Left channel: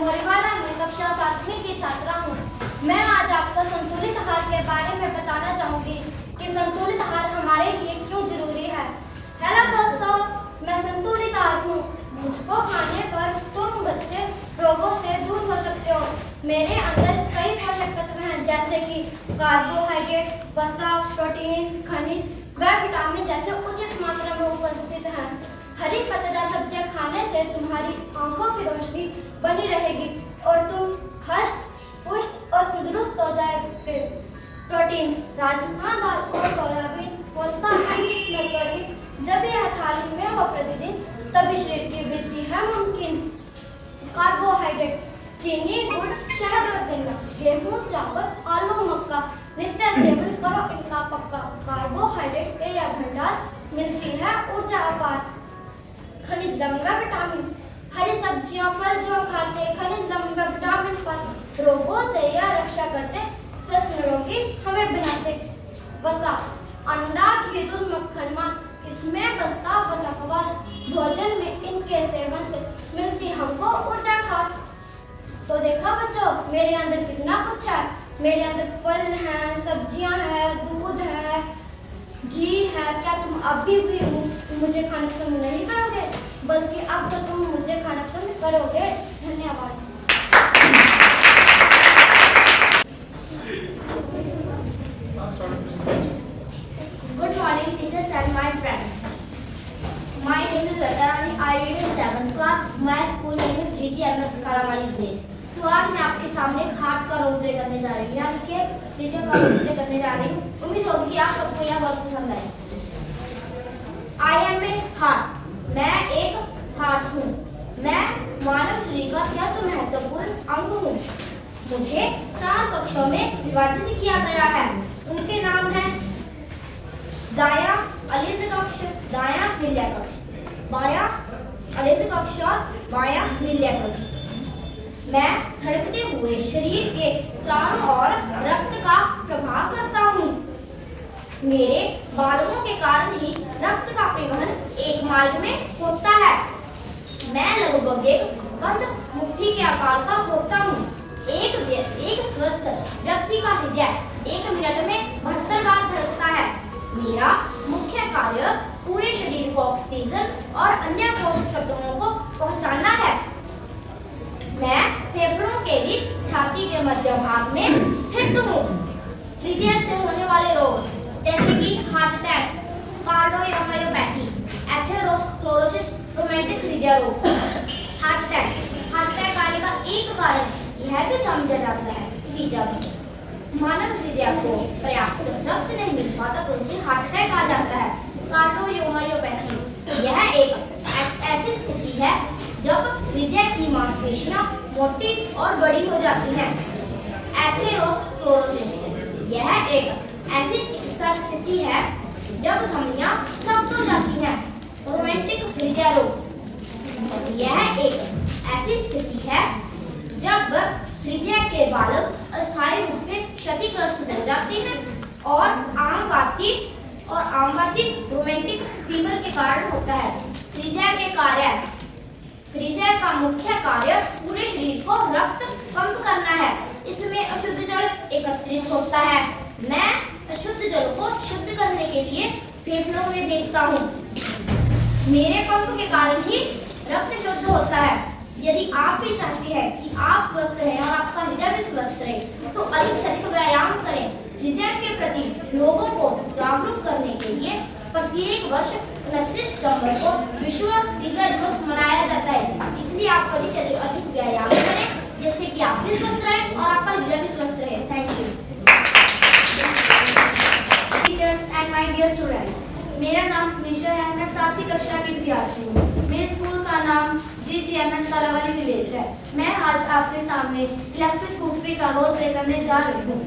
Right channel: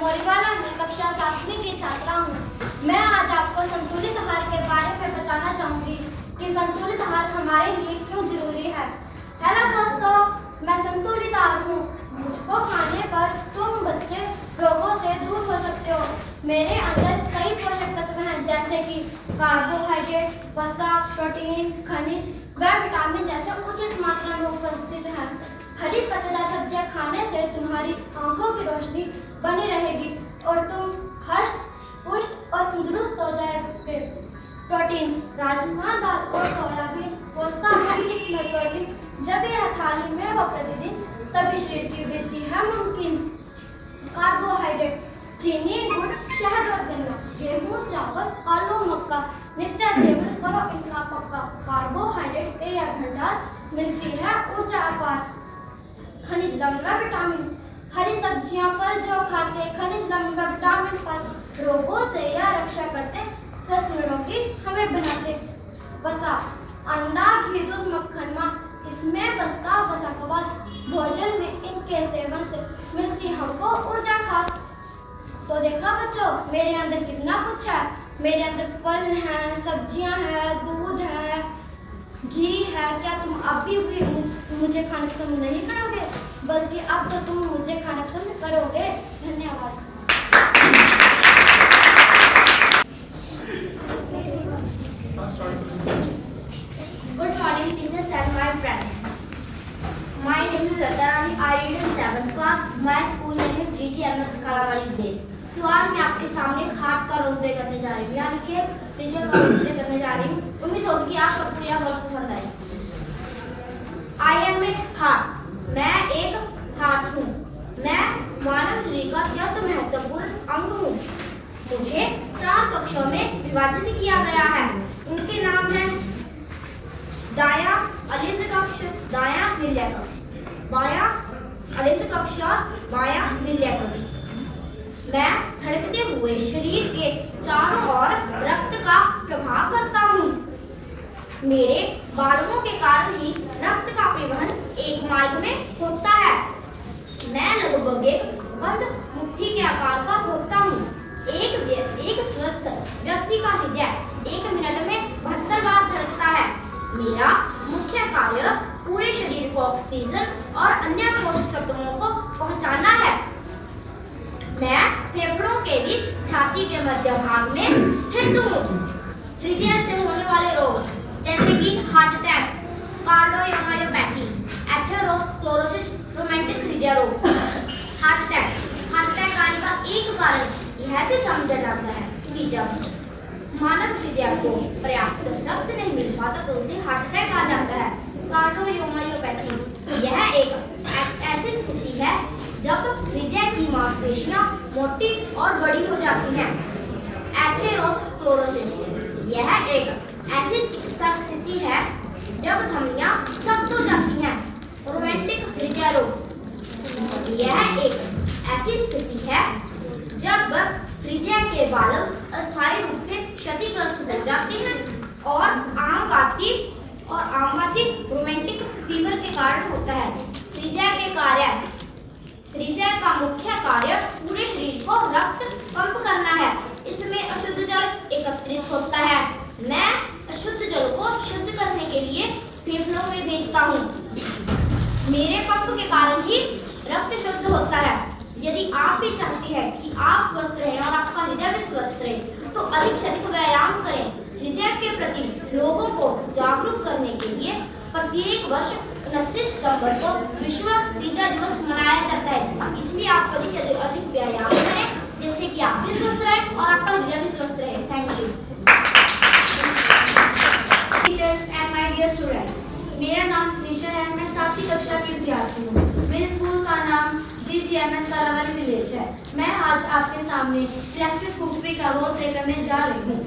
मोरीवाला में कक्षा 7वीं की छात्रा हूँ। मैं आज आपको संतुलित आहार के बारे में बताना चाहूँगी कि संतुलित आहार हमारे लिए क्यों जरूरी है। हेलो दोस्तों, मैं संतुलित आहार हूँ। मुझको खाने पर तुम बच्चे रोगों से दूर हो सकते हो। मेरे अंदर कई पोषक तत्व हैं जैसे कि कार्बोहाइड्रेट, वसा, प्रोटीन, खनिज व विटामिन जैसे उचित मात्रा में उपस्थित हैं। हरी पत्तेदार सब्जियां खाने से तुम्हारी आंखों की रोशनी बनी रहेगी और तुम हष्ट पुष्ट और तंदुरुस्त हो जाओगे। प्रोटीन, राजमा, दाल और सोयाबीन होता है किस्मत वाली। जब यह थाली में हो प्रतिदिन तभी शरीर की वृद्धि है मुमकिन। कार्बोहाइड्रेट, चीनी, गुड़, शहद और गन्ना, गेहूं, चावल, आलू, मक्का नित्य सेवन करो, इनका पक्का। कार्बोहाइड्रेट के यह भंडार मिलती है ऊर्जा अपार। खनिज लवण व विटामिन, हरी सब्जियां फल जो खाते खनिज लवण व विटामिन पर रोगों से या रक्षा करते, स्वस्थ निरोगी हमें बनाते। वसा, अंडा, घी, दूध, मक्खन, मांस इसमें बसता वसा का वास। भोजन में इनके सेवन से मिलती हमको ऊर्जा खास। तो देखा बच्चों, मेरे अंदर कितना कुछ है। मेरे अंदर फल हैं, सब्जियां हैं, दूध है, घी है। क्या तुम अब भी मुझे खाना पसंद नहीं करोगे, बल्कि अब तो तुम मुझे खाना पसंद करोगे। धन्यवाद। Good morning, teachers and my friends. My name is Latarani. I read in 7th class. My school name is GTMS Kalamari Grace. तो आज मैं आपके सामने खाट का रोल प्ले करने जा रही हूँ, यानी कि प्रीतिया का रोल प्ले करने जा रही हूँ। उम्मीद होगी कि आप सबको यह बहुत पसंद आए। I am a heart. मैं एक हार्ट हूँ। मैं मानव शरीर का अत्यंत महत्वपूर्ण अंग हूँ। मुझे 4 कक्षों में विभाजित किया गया है। उनके नाम हैं दायां अलिंद कक्ष, दायां नील्य कक्ष, बायां अलिंद कक्ष और बायां नील्य कक्ष। मैं धड़कते हुए शरीर के चारों ओर रक्त का प्रवाह करता हूँ। मेरे बालों के कारण ही रक्त का परिवहन एक मार्ग में होता है। मैं लगभग एक बंद मुट्ठी के आकार का होता हूँ। एक स्वस्थ व्यक्ति का हृदय 1 मिनट में 72 बार धड़कता है। मेरा मुख्य कार्य पूरे शरीर को ऑक्सीजन और अन्य पोषक तत्वों को पहुंचाना है। मैं फेफड़ों के बीच छाती के मध्य भाग में स्थित हूँ। हृदय से होने वाले रोग जैसे कि heart attack, cardiomyopathy, atherosclerosis, rheumatic हृदय रोग। हार्ट अटैक आने का एक कारण यह भी समझा जाता है कि जब मानव हृदय को पर्याप्त रक्त नहीं मिल पाता तो उसे हार्ट अटैक आ जाता है। कार्डियोमायोपैथी यह एक ऐसी स्थिति है जब हृदय की मांसपेशियां मोटी और बड़ी हो जाती हैं। एथेरोस्क्लेरोसिस यह एक ऐसी चिकित्सा स्थिति है जब धमनियां सख्त हो जाती हैं। रोमैटिक हृदय रोग यह एक ऐसी स्थिति है जब हृदय के बालक अस्थायी रूप से क्षतिग्रस्त हो जाते हैं और आम बात रोमैटिक फीवर के कारण होता है। हृदय का मुख्य कार्य पूरे शरीर को रक्त पंप करना है। इसमें अशुद्ध जल एकत्रित होता है। मैं अशुद्ध जल को शुद्ध करने के लिए फेफड़ों में भेजता हूँ। मेरे पंप के कारण ही रक्त शुद्ध होता है। यदि आप भी चाहते हैं कि आप स्वस्थ रहें और आपका हृदय भी स्वस्थ रहे, तो अधिक से अधिक व्यायाम करें। हृदय के प्रति लोगों को जागरूक करने के लिए प्रत्येक वर्ष 29 सितंबर को विश्व हृदय दिवस मनाया जाता है। इसलिए आप अधिक से अधिक व्यायाम करें, जिससे कि आप भी स्वस्थ रहें और आपका हृदय भी स्वस्थ रहे। Thank you. Teachers and my dear students, मेरा नाम निशा है। मैं 7वीं कक्षा की विद्यार्थी हूँ। मेरे स्कूल का नाम GTMS कालावाली विलेज है। मैं आज आपके सामने इलेक्ट्रिक स्कूटरी का रोल प्ले करने जा रही हूँ।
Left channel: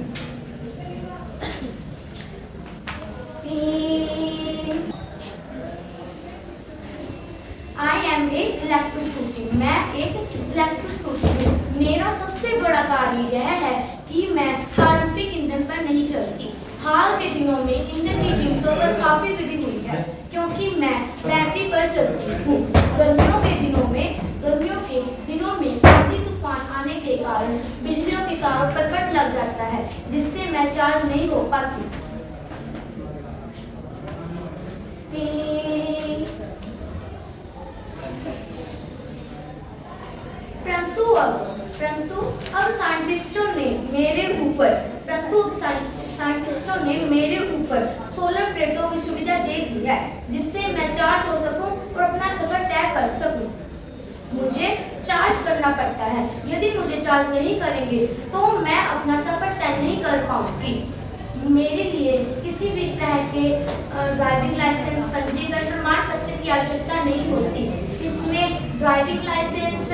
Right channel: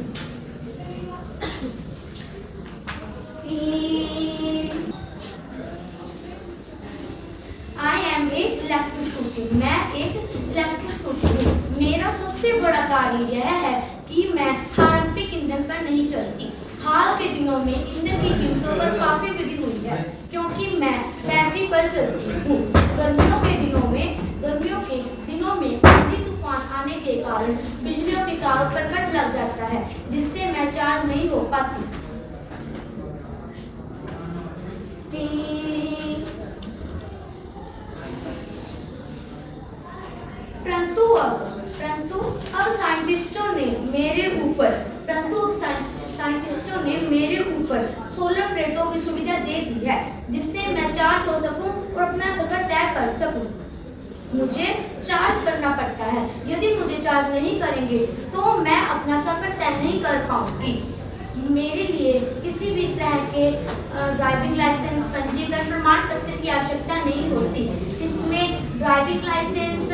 आई एम ए इलेक्ट्रिक स्कूटरी। मैं एक इलेक्ट्रिक स्कूटरी हूँ। मेरा सबसे बड़ा कार्य यह है कि मैं पारंपरिक ईंधन पर नहीं चलती। हाल के दिनों में ईंधन की कीमतों पर काफी वृद्धि हुई है, क्योंकि मैं बैटरी पर चलती हूँ। गर्मियों के दिनों में आंधी तूफान अब साइंटिस्टों ने मेरे ऊपर सोलर प्लेटों की सुविधा दे दी है, जिससे मैं चार्ज हो सकूं और अपना सफर तय कर सकूं। मुझे चार्ज करना पड़ता है, यदि मुझे चार्ज नहीं करेंगे तो मैं अपना सफर तय नहीं कर पाऊंगी। मेरे लिए किसी भी तरह के ड्राइविंग लाइसेंस, पंजीकरण प्रमाण पत्र की आवश्यकता नहीं होती। इसमें ड्राइविंग लाइसेंस,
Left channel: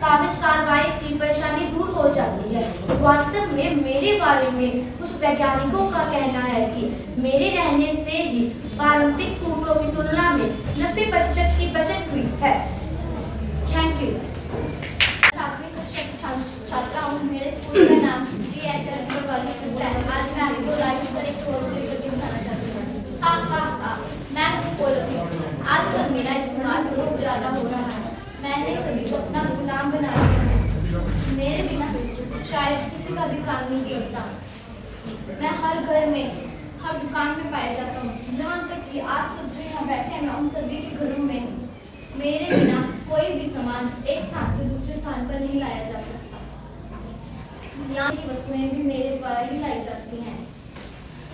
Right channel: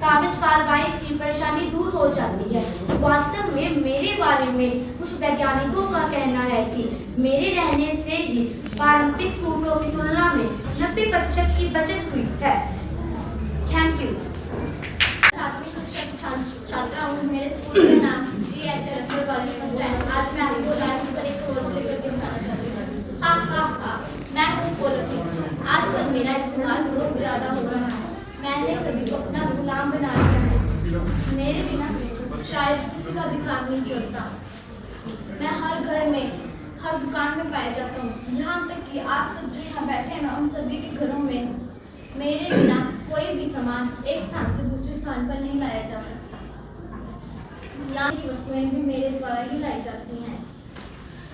कागज कार्रवाई की परेशानी दूर हो जाती है। वास्तव में मेरे बारे में कुछ वैज्ञानिकों का कहना है कि मेरे रहने से ही पारंपरिक स्कूलों की तुलना में 90% की बचत हुई है। Thank you. सातवीं कक्षा की छात्रा हूँ। मेरे स्कूल का नाम GHS कॉलेज फर्स्ट है। आज मैं आपको लाइव पर एक पोलो करके बताना चाहती हूँ। मैं हूँ पोलो। आजकल मेरा इस्तेमाल बहुत ज़्यादा हो रहा है। मैंने सभी को अपना गुलाम बना दिया है। मेरे बिना शायद किसी का भी काम नहीं चलता। मैं हर घर में, हर दुकान में पाया जाता हूँ। यहाँ तक कि आप सब जो यहाँ बैठे हैं ना, उन सभी के घरों में मेरे बिना कोई भी सामान एक स्थान से दूसरे स्थान पर नहीं लाया जा सकता। यहाँ की वस्तुएं भी मेरे द्वारा ही लाई जाती हैं।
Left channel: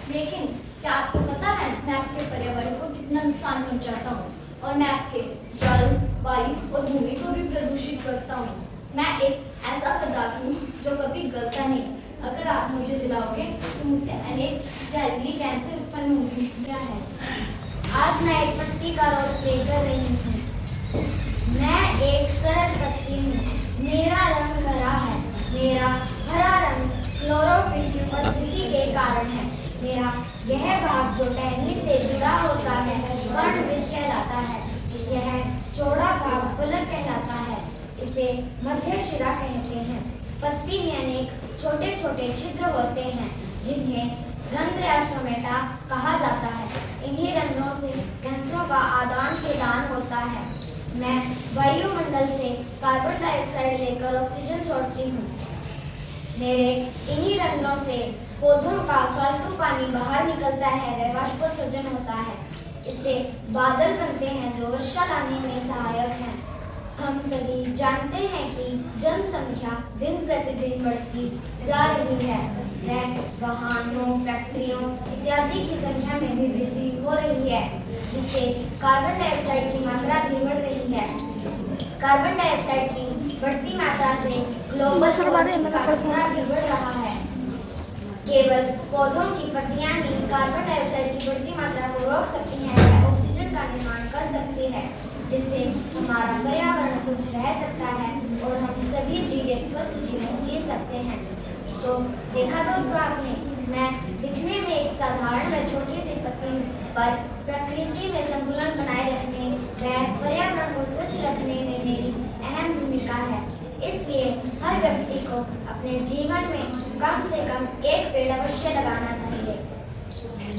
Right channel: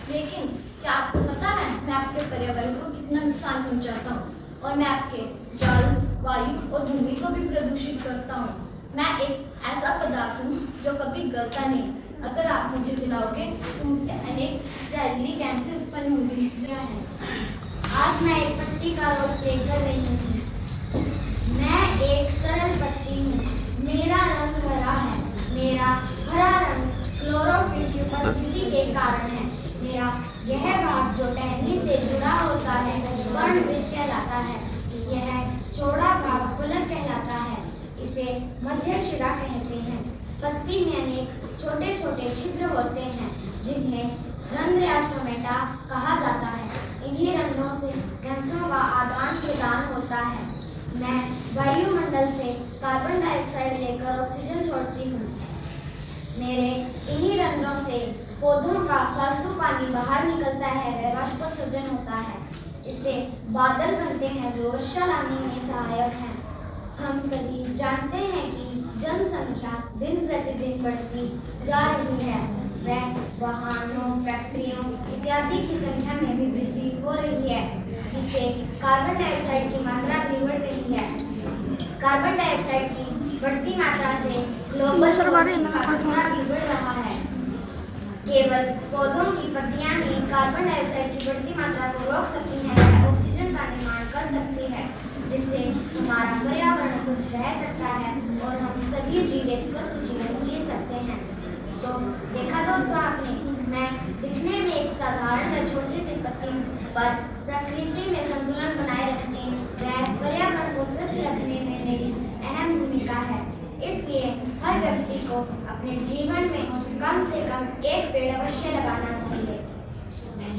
लेकिन क्या आपको पता है मैं आपके पर्यावरण को कितना नुकसान पहुँचाता हूँ, और मैं आपके जल, वायु और भूमि को भी प्रदूषित करता हूँ। मैं एक ऐसा पदार्थ हूँ जो कभी गलता नहीं। अगर आप मुझे जलाओगे तो मुझसे अनेक जहरीली गैसें उत्पन्न होंगी। क्या है? आज मैं एक पत्ती का रोल प्ले कर रही हूँ। मैं एक सरल पत्ती हूँ। मेरा रंग हरा है। मेरा हरा रंग क्लोरोफिल की उपस्थिति के कारण है। मेरा यह भाग जो टहनी से जुड़ा होता है वर्णवृत्त कहलाता है। यह चौड़ा भाग फलक कहलाता है। इसे मध्य शिरा कहते हैं। पत्ती में अनेक छोटे छोटे छिद्र होते हैं, जिन्हें रंध्र स्टोमेटा कहा जाता है। इन्हीं रंध्रों से गैसों का आदान प्रदान होता है। मैं वायुमंडल से कार्बन डाइऑक्साइड लेकर ऑक्सीजन छोड़ती हूँ। मेरे इन्हीं रंध्रों से पौधों का फालतू पानी बाहर निकलता है, वह वाष्पोत्सर्जन होता है। इससे बादल बनते हैं जो वर्षा लाने में सहायक हैं। हम सभी जानते हैं कि जनसंख्या दिन प्रतिदिन बढ़ती जा रही है। वह वाहनों, फैक्ट्रियों इत्यादि की संख्या में भी वृद्धि हो रही है, जिससे कार्बन डाइऑक्साइड की मात्रा भी बढ़ रही है। कार्बन डाइऑक्साइड की बढ़ती मात्रा से ग्लोबल वार्मिंग का खतरा भी बढ़ रहा है। केवल पौधों की पत्तियां ही कार्बन डाइऑक्साइड की बढ़ती मात्रा को रोक सकती हैं, वह ऑक्सीजन का निर्माण कर सकती है, जिससे हमारा पर्यावरण स्वच्छ रह सकता है और हम सभी जीव एक स्वस्थ जीवन जी सकते हैं। तो देखा दोस्तों आपने, मैं दिखने में एक साधारण व छोटी सी पत्ती हूँ, पर प्रकृति में संतुलन बनाए रखने व पर्यावरण को स्वच्छ रखने में मेरी अहम भूमिका है। इसलिए हर व्यक्ति को अपने जीवन में कम से कम एक पेड़ अवश्य लगाना चाहिए।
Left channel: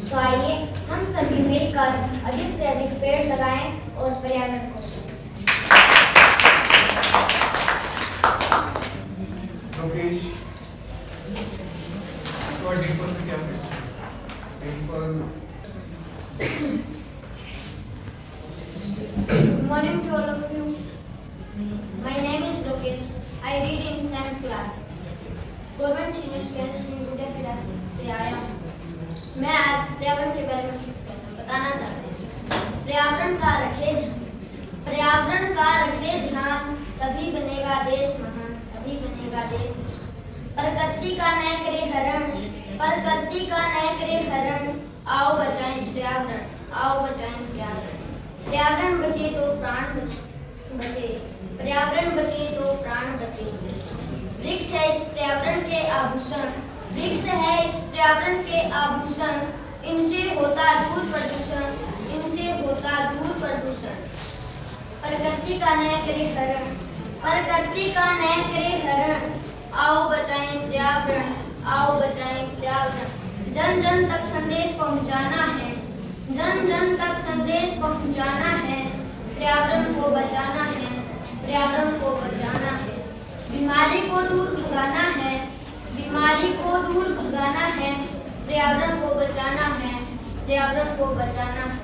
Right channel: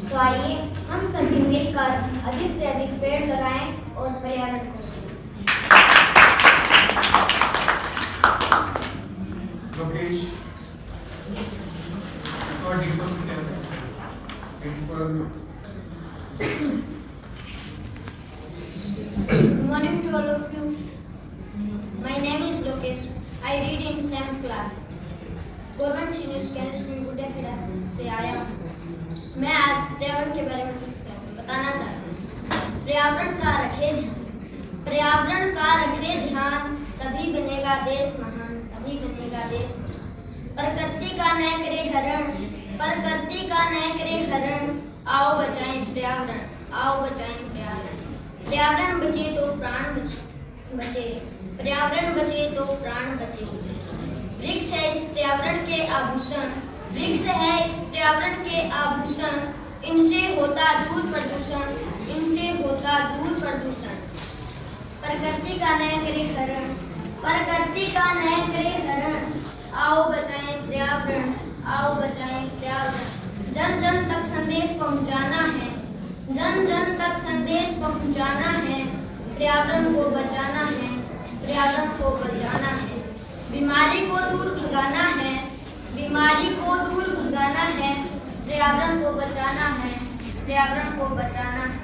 तो आइए हम सभी मिलकर अधिक से अधिक पेड़ लगाएं और पर्यावरण को Morning to all of you. My name is Lokesh. I read in 7th class. Government senior secondary school Guddakheda से आया हूँ। मैं आज पर्यावरण के बारे में कुछ बताना चाहता हूँ। पर्यावरण का रखे ध्यान, तभी बनेगा देश महान, तभी बनेगा देश महान। प्रकृति का न करे हरण, आओ बचाएं पर्यावरण, आओ बचाएं पर्यावरण। पर्यावरण बचे तो प्राण बचे, पर्यावरण बचे तो प्राण बचे। वृक्ष है इस पर्यावरण के आभूषण, वृक्ष है इस पर्यावरण के आभूषण। इनसे होता दूर प्रदूषण, इनसे होता दूर प्रदूषण। प्रकृति का न करे हरण, प्रकृति का न करे हरण, आओ बचाएं पर्यावरण, आओ बचाएं पर्यावरण। जन जन तक संदेश पहुंचाना है, जन जन तक संदेश पहुंचाना है। पर्यावरण को बचाना है, पर्यावरण को बचाना है। बीमारी को दूर भगाना है, बीमारी को दूर भगाना है। पर्यावरण को बचाना है, पर्यावरण को बचाना है।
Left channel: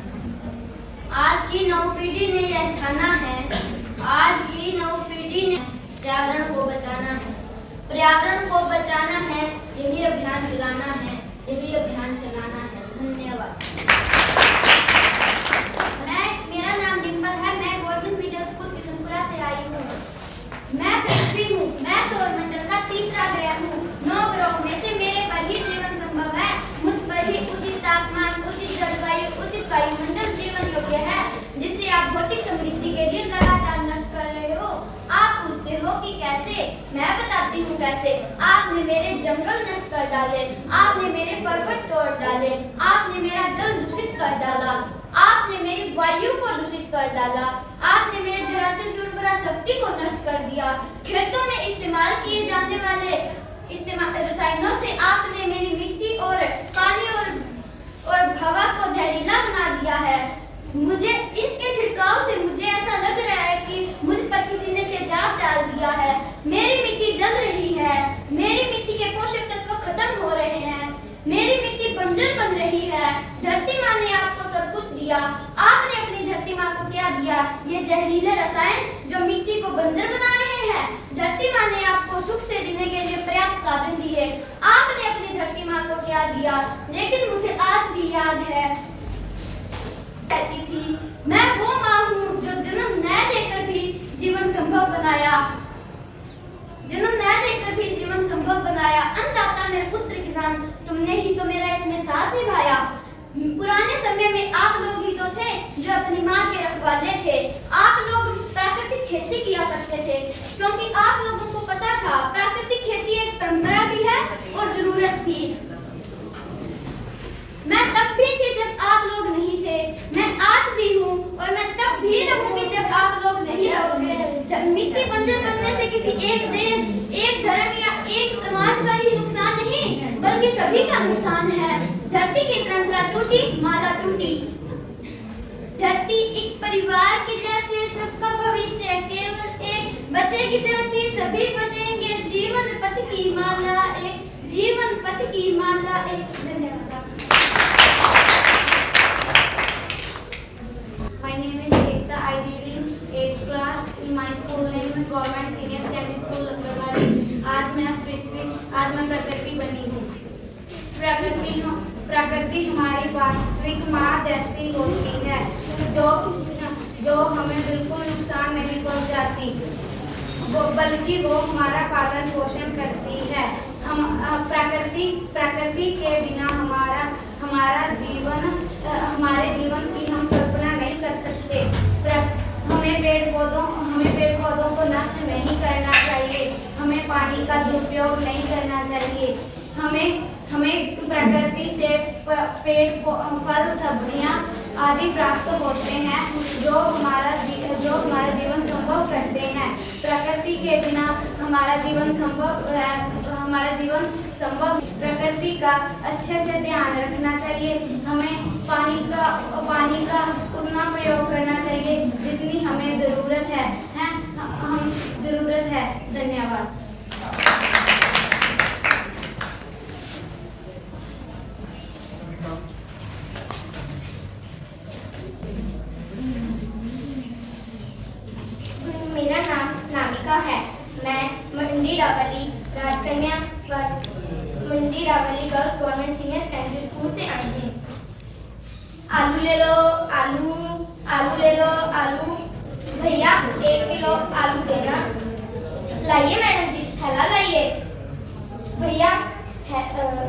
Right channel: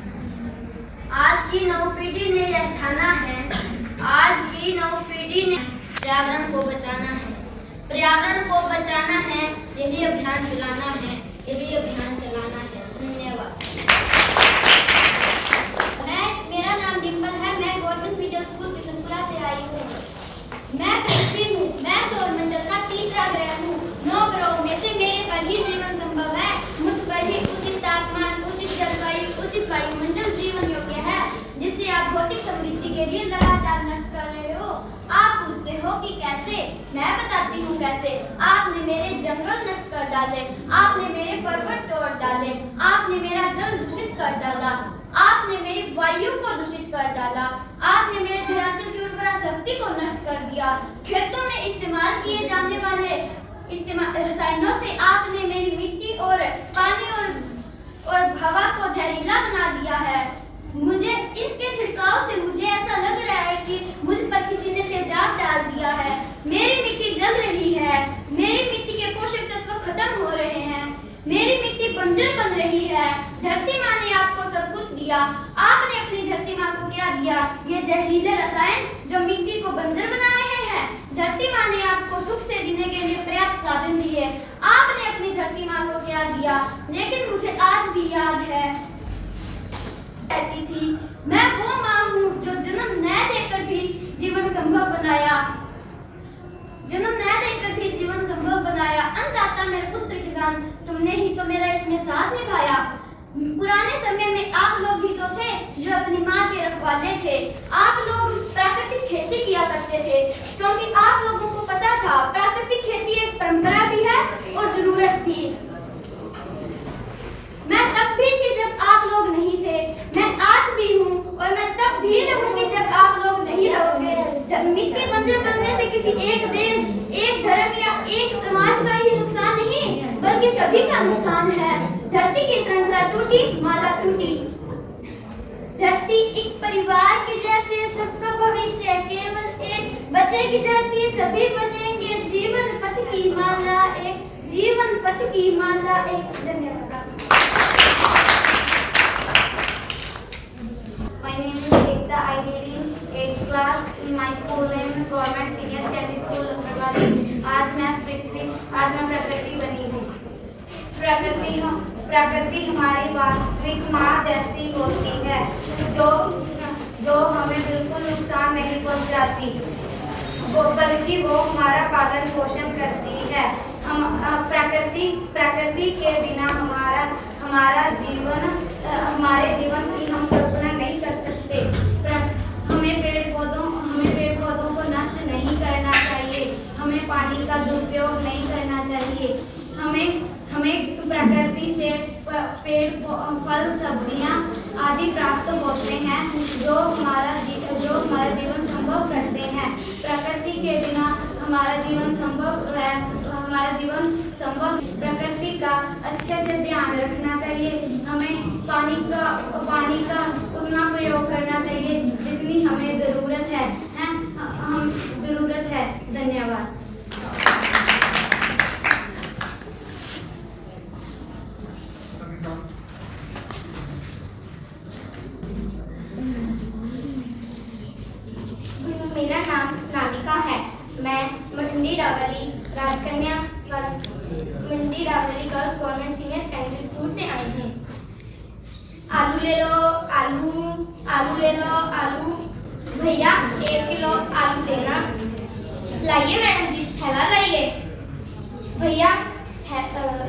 आज की नव पीढ़ी ने यह ठाना है, आज की नव पीढ़ी ने पर्यावरण को बचाना है। पर्यावरण को बचाना है, यही अभियान चलाना है, यही अभियान चलाना है। धन्यवाद। मेरा नाम डिम्पल है। मैं गवर्नमेंट मिडिल स्कूल किशनपुरा से आई हूँ। मैं पृथ्वी हूँ। मैं सौरमंडल का तीसरा ग्रह हूँ। 9 ग्रहों में से मेरे पर ही जीवन संभव है। मुझ पर ही उचित तापमान, उचित जलवायु, उचित वायुमंडल जीवन योग्य है, जिससे आप भौतिक समृद्धि के लिए लगातार नष्ट कर रहे हो। आप पूछते हो कि कैसे? मैं बताती हूँ कैसे। आपने मेरे जंगल नष्ट कर डाले, आपने मेरे पर्वत तोड़ डाले, आपने मेरा जल दूषित कर डाला, आपने मेरी वायु को दूषित कर डाला, आपने मेरे धरातल की उर्वरा शक्ति को नष्ट कर दिया। खेतों में इस्तेमाल किए जाने वाले रसायनों से आपने मेरी मिट्टी और पानी और हवा को जहरीला बना दिया है। मुझे इनके छिड़काव से मुझे ऐसा लग रहा है कि मुझ पर किसी ने तेजाब डाल दिया है। मेरी मिट्टी जल रही है, मेरी मिट्टी के पोषक तत्व खत्म हो रहे हैं, मेरी मिट्टी बंजर बन रही है। धरती माँ ने आपको सब कुछ दिया, आपने अपनी धरती माँ को क्या दिया? ये जहरीले रसायन जो मिट्टी को बंजर बना रहे हैं। धरती माँ ने आपको सुख से जीने के लिए पर्याप्त साधन दिए, आपने अपनी धरती माँ को क्या दिया? लेकिन मुझे आज भी याद है, कहती थी, मैं वो माँ हूँ जो जन्म न देकर भी जीवन संभव बनाया, जन्म न देकर भी जीवन संभव बनाया। अन्नदाता मेरे पुत्र किसान, तुमने ही तो मेरा इसमें साथ निभाया। पुराने समय में आप लोग ही तो थे जो अपनी माँ के रखवाले थे। आप लोग प्राकृतिक खेती किया करते थे, क्योंकि आप लोगों को पता था प्राकृतिक खेती एक परंपरा भी है और जरूरत भी। मैं तब भी थी जब आप लोग नहीं थे, मैं आज भी हूँ और मैं तब भी रहूंगी जब आप लोग नहीं रहोगे। मिट्टी बंजर बनने से किसी एक देश, एक धर्म या एक समाज का ही नुकसान नहीं, बल्कि सभी का नुकसान है। धरती की श्रृंखला टूटी, माला टूटी। धरती एक परिवार के जैसे, सबका भविष्य केवल एक। बचेगी धरती, सभी बचेंगे। जीवन पथ की माला एक, जीवन पथ की माला एक। धन्यवाद। My name is Ekta. I read in 8th class in my school name Government Senior Secondary School Lucknow. आज मैं प्रकृति बनी हूँ। प्रकृति हमारी वास्तविक माँ जैसी होती है, जो हमें बिल्कुल नुकसान नहीं पहुँचाती, बल्कि वो हमारा पालन पोषण करती है। हम प्रकृति के बिना हमारे जीवन की हम कल्पना नहीं कर सकते। हमें पेड़ पौधों को नष्ट नहीं करना चाहिए, हमें पानी का दुरुपयोग नहीं करना चाहिए। हमें प्रकृति से पेड़, फल, सब्जियां आदि प्राप्त होते हैं जो हमारा जीवन संभव करते हैं। प्रकृति के बिना हमारा जीवन संभव। प्रकृति का अच्छे से ध्यान रखना चाहिए। हमें पानी का उतना प्रयोग करना चाहिए जितनी हमें जरूरत है। धन्यवाद। मेरा नाम नामिका है। मैं Mandi Dawli girls government senior secondary school से आई हूँ। आलू ले लो, आलू ले लो, आलू। भैया 1 किलो आलू देना। लाइए मैडम जी, थैला लाइए। भैया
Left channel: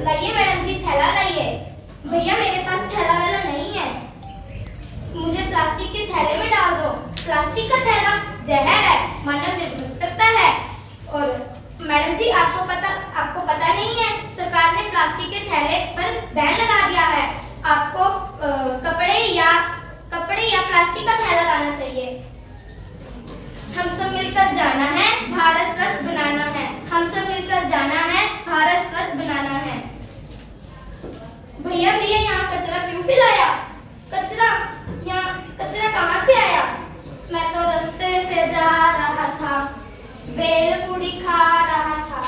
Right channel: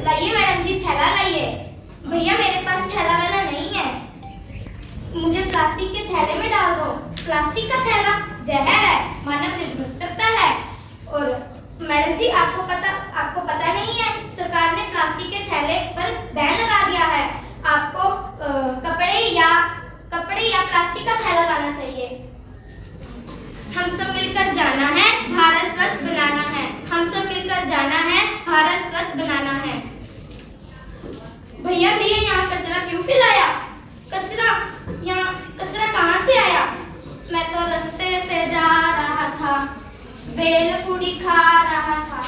लाइए मैडम जी, थैला लाइए। भैया मेरे पास थैला वाला नहीं है, मुझे प्लास्टिक के थैले में डाल दो। प्लास्टिक का थैला जहर है, मानव निर्मित है। और मैडम जी आपको पता नहीं है, सरकार ने प्लास्टिक के थैले पर बैन लगा दिया है। आपको कपड़े या प्लास्टिक का थैला लाना चाहिए। हम सब मिलकर जाना है, भारत स्वच्छ बनाना है। हम सब मिलकर जाना है, भारत स्वच्छ बनाना है। भैया यहाँ कचरा क्यों फैलाया? कचरा कहाँ से आया? मैं तो रास्ते से जा रहा था, बेल पूड़ी खा रहा था,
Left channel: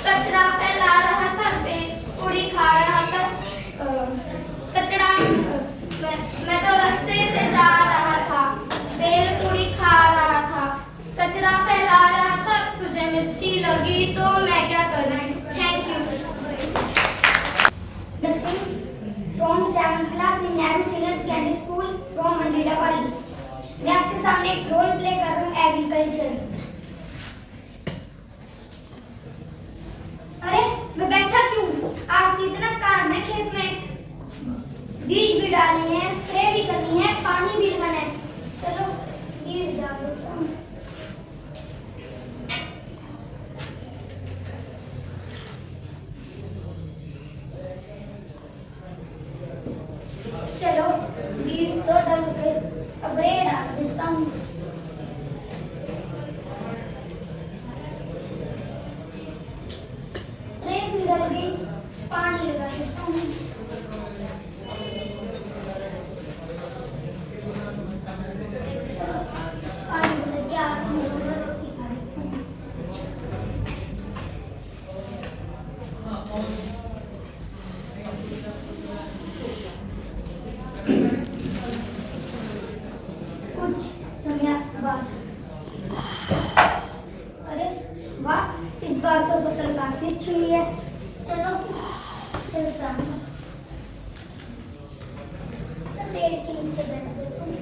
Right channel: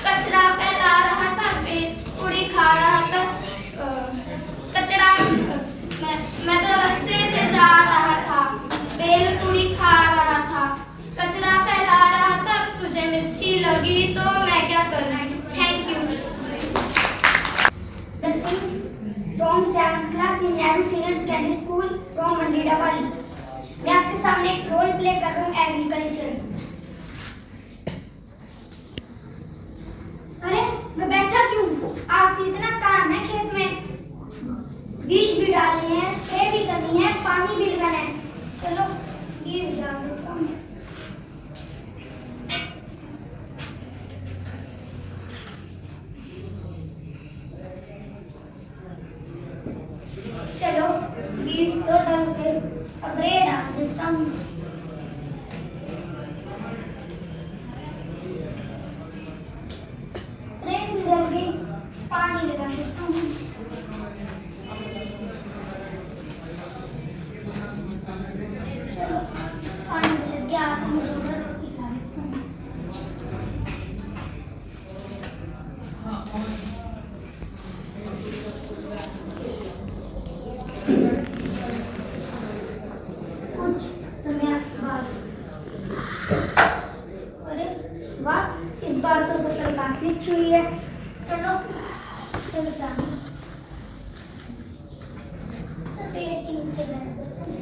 कचरा फैला रहा था, बेल पूड़ी खा रहा था। मैं तो रास्ते से जा रहा था, बेल पूड़ी खा रहा था, कचरा फैला रहा था, तुझे मिर्ची लगी तो मैं क्या करूँ। Thank you. Darshan from 7th class in Nehru Senior Secondary School from Mandida Valley. मैं आपके सामने एक रोल प्ले कर रहा हूँ एग्रीकल्चर। अरे मैं बैठा क्यों? आज इतना काम है खेत में, बीज भी डालने हैं, स्प्रे भी करनी है, पानी भी लगाना है। चलो बीज डाल देता हूँ। चलो बीज तो डाल के अब रे डाल देता हूँ। रे भी डाल गई, पानी लगा देता हूँ। चलो पानी लग गया, अब हम लोग रोटी खा लेते हैं। कुछ समय बाद, अरे वाह, इस बार तो फसल काफी अच्छी हुई है। चलो चलता हूँ। पेड़ के नीचे बैठ जाते हैं।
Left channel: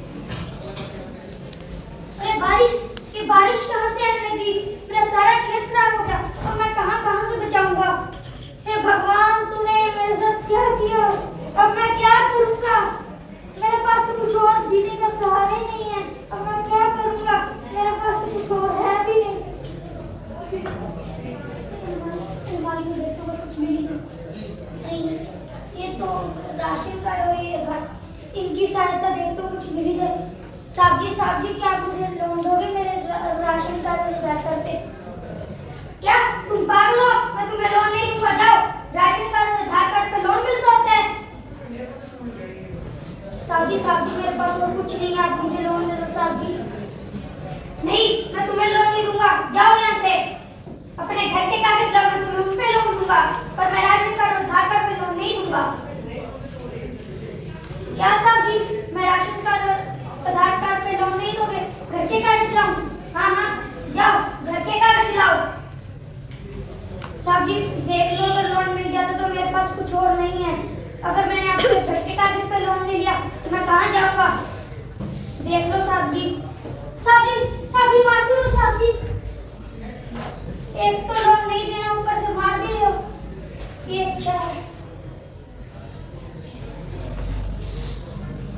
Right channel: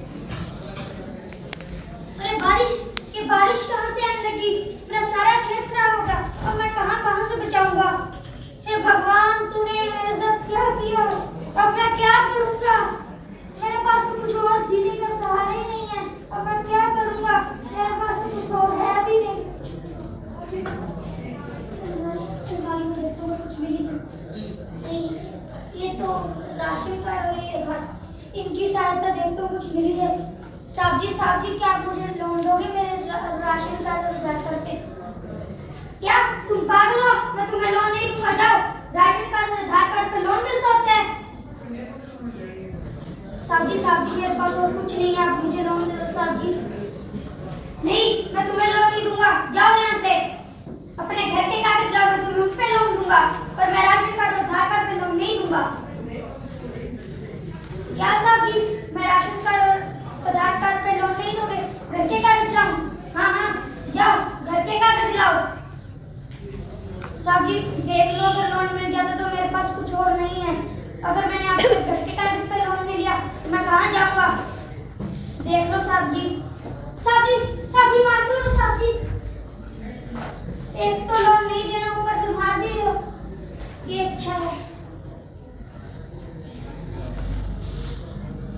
अरे बारिश कहाँ से आने लगी? मेरा सारा खेत खराब हो गया। अब मैं कहाँ से बचाऊंगा? हे भगवान, तूने मेरे साथ क्या किया? अब मैं क्या करूंगा? मेरे पास तो कुछ और जीने का सहारा ही नहीं है। अब मैं क्या करूंगा? मेरे पास तो कुछ और है भी नहीं। कुछ मिली नहीं, ये तो राशन कार्ड और ये घर, इनकी सहायता देखते हो कुछ मिली जाए। साहब जी क्या आप मुझे लोन दोगे मेरे राशन कार्ड पर आधार कार्ड पे? क्या तुम पागल हो? मैं तुम्हें लोन नहीं दूंगा। जाओ, राशन कार्ड और आधार कार्ड पे लोन मिलता होता है। साहब जी मेरे पास और कुछ नहीं है, आप मुझे लोन दे दो साहब जी। नहीं, मैं तुम्हें लोन नहीं दूंगा। जाओ यहाँ से। अपने घर के कागज लाओ, मैं तुम्हें उन पे लोन दूंगा, पर मैं राशन कार्ड और आधार कार्ड पे लोन नहीं दूंगा। क्या साहब जी, मैं राशन कार्ड और आधार कार्ड पे लोन नहीं दोगे? घर के कागज लाऊं? हाँ, जाओ घर के कागज लाओ। साहब जी देख लो, अगर लोन मिल जाता तो मेरे पास कुछ और नहीं है। अगर मैंने आपके घर के कागज पे लोन ले लिया तो मैं कहाँ जाऊंगा? देख लो साहब जी मार दो साहब जी। एक तो लोन नहीं देना, ऊपर से मार भी रहे हो। ये अच्छा है।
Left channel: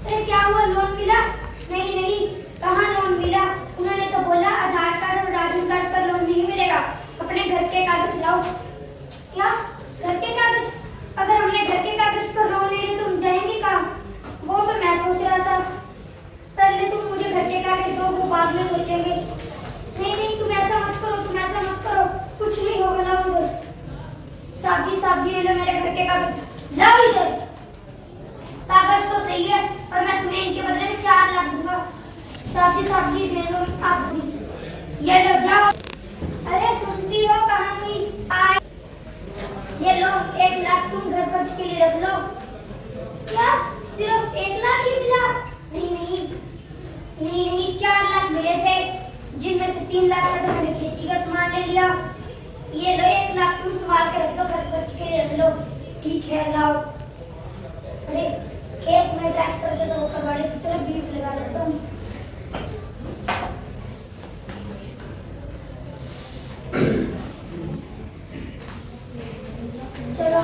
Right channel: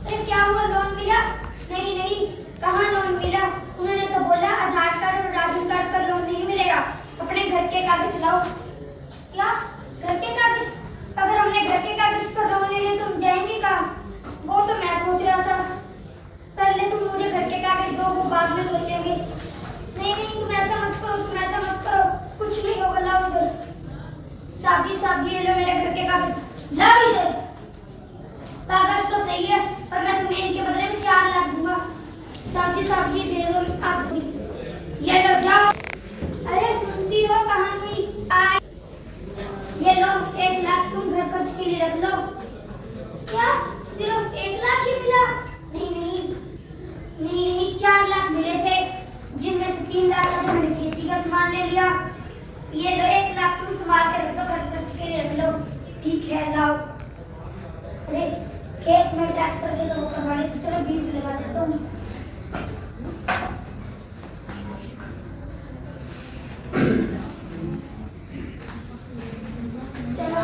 अरे क्या हुआ, लोन मिला? नहीं, कहाँ लोन मिला? उन्होंने तो बोला आधार कार्ड और राशन कार्ड पर लोन नहीं मिलेगा, अपने घर के कागज लाओ। क्या घर के कागज? अगर हमने घर के कागज पर लोन ले लिया तो हम जाएंगे कहाँ? वो तो मैं सोच रहा था। पहले तुम मुझे घर के कागज दो, बाद में सोचेंगे। नहीं, तुम ऐसा मत करो, कुछ नहीं होगा। लाओ इधर। साहब जी ये लो मेरे घर के कागज, लाओ इधर। कागज तो सही है, पर मैं तुम्हें इनके बदले में 4 लाख दूंगा। साहब जी दे दो आप भी। ये लो, जाओ। अरे सुनती हो, कहाँ गई? ये लो 1 लाख तुम घर खर्च के लिए रख लो। क्या सिर्फ 1 लाख ही मिला? नहीं, 4 लाख मिले थे, जिनमें से 3 लाख का तो मैंने खेती का सामान ले लिया। ये लो 1 लाख तुम संभाल के रख दो, घर खर्च के लिए रख लो। ठीक है, लाओ। अरे खेत में ट्रैक्टर से तो करवा ले, तो चलो बीज लगा देता हूँ। चलो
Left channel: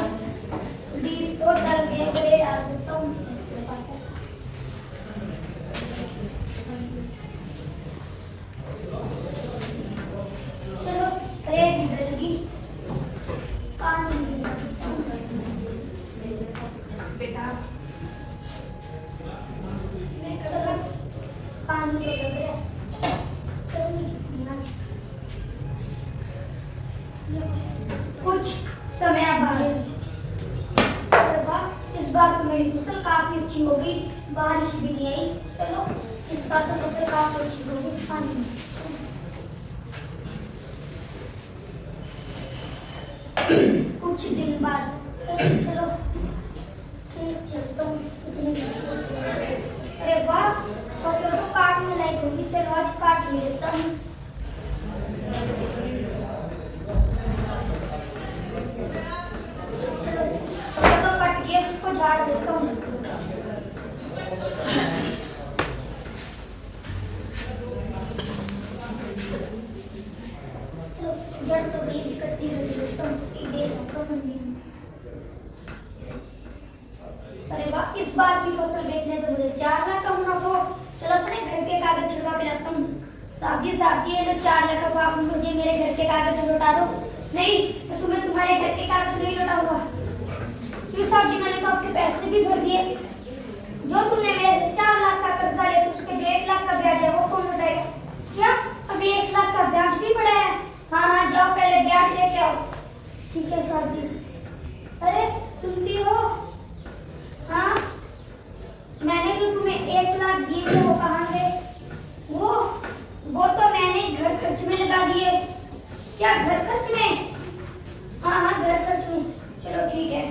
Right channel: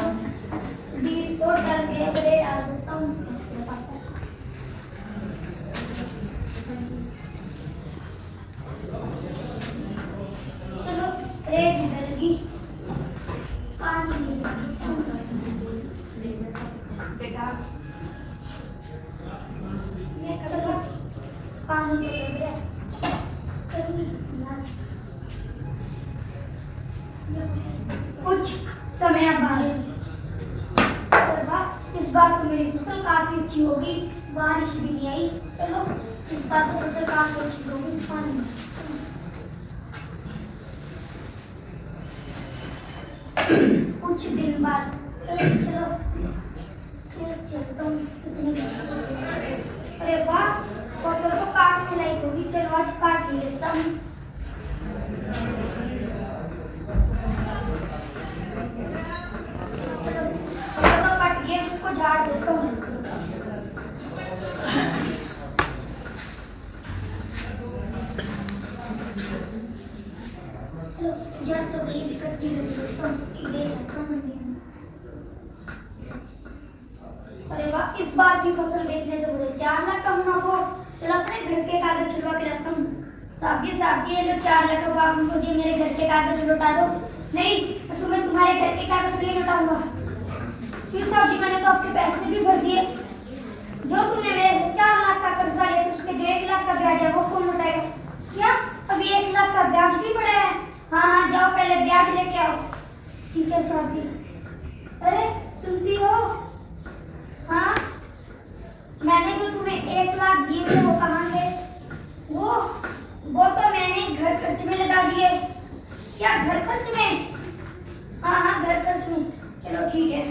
बीज तो डल गए, बड़े डाल देता हूँ। चलो रे भी डल गई, पानी बेटा, मैं चलो पानी दे दो रे। कुछ समय बाद, इस बार तो मेरी फसल काफी अच्छी होगी, बारिश भी नहीं आई। चलो इस बार तो फसल काफी अच्छी होगी। पानी कुछ दिन बाद, चलो चलता हूँ। अरे वाह, फसल तो काटने लायक होगी। चलो आज काट ही लेता हूँ। को झाड़ देता हूँ। चलो जड़ तो गई, इकट्ठी हो गई दोस्तों, दे सकता हूँ। अरे वाह, इस बार की फसल बेचने तो मुझे 4 लाख का मुनाफा हो। चलो अपने घर के कागज छुड़वा के रखता हूँ। साहब जी ये जो 4 लाख का आप मुझे मेरे घर के कागज लौटा दो। नहीं, मैं तुम्हें तुम्हारे घर के कागज नहीं लौटाऊंगा। क्यों साहब जी, मैंने तो आपके पैसे भी भर दिए। जो तुमने मेरे से 4 लाख का कर्जा लिया था, उसके जो 1 लाख का ब्याज है वो कौन लौटाएगा? क्या अभी 1 लाख का ब्याज भी पड़ा है? हाँ, जाओ पहले ब्याज लेके आओ। ठीक है साहब जी। अरे सुनती हो? हाँ, मैंने जो तुम्हें 1 लाख दिए थे वो कहाँ गए? वो तो मैंने घर खर्च में लगा दिए। क्या घर खर्च में? हाँ, घर खर्च में। चलो ठीक है।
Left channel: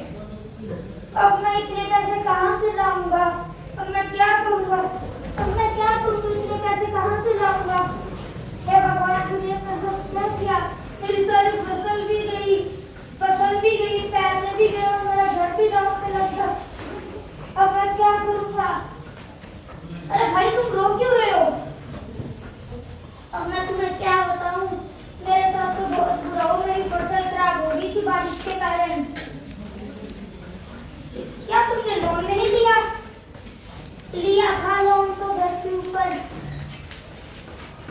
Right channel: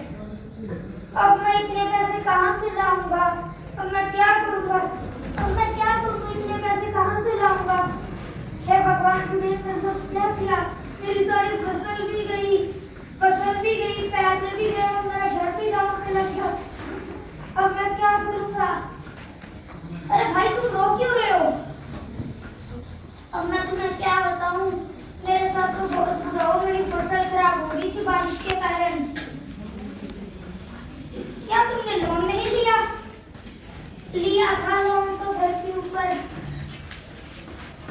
अब मैं इतने पैसे कहाँ से लाऊंगा? अब मैं क्या करूँगा? इतने पैसे कहाँ से लाऊंगा? हे भगवान, तूने क्या किया? मेरी सारी फसल भी गई, पैसे भी गए और मेरा घर भी डाउन में लग गया। अब मैं क्या करूँगा? अरे भाई, तुम रो क्यों रहे हो? अब मैं तुम्हें क्या बताऊं, मेरे साथ तो बहुत बुरा हो। मेरी फसल खराब हो गई थी बारिश के कारण। क्या तुमने लोन नहीं लिया था लोन तो घर के ऊपर।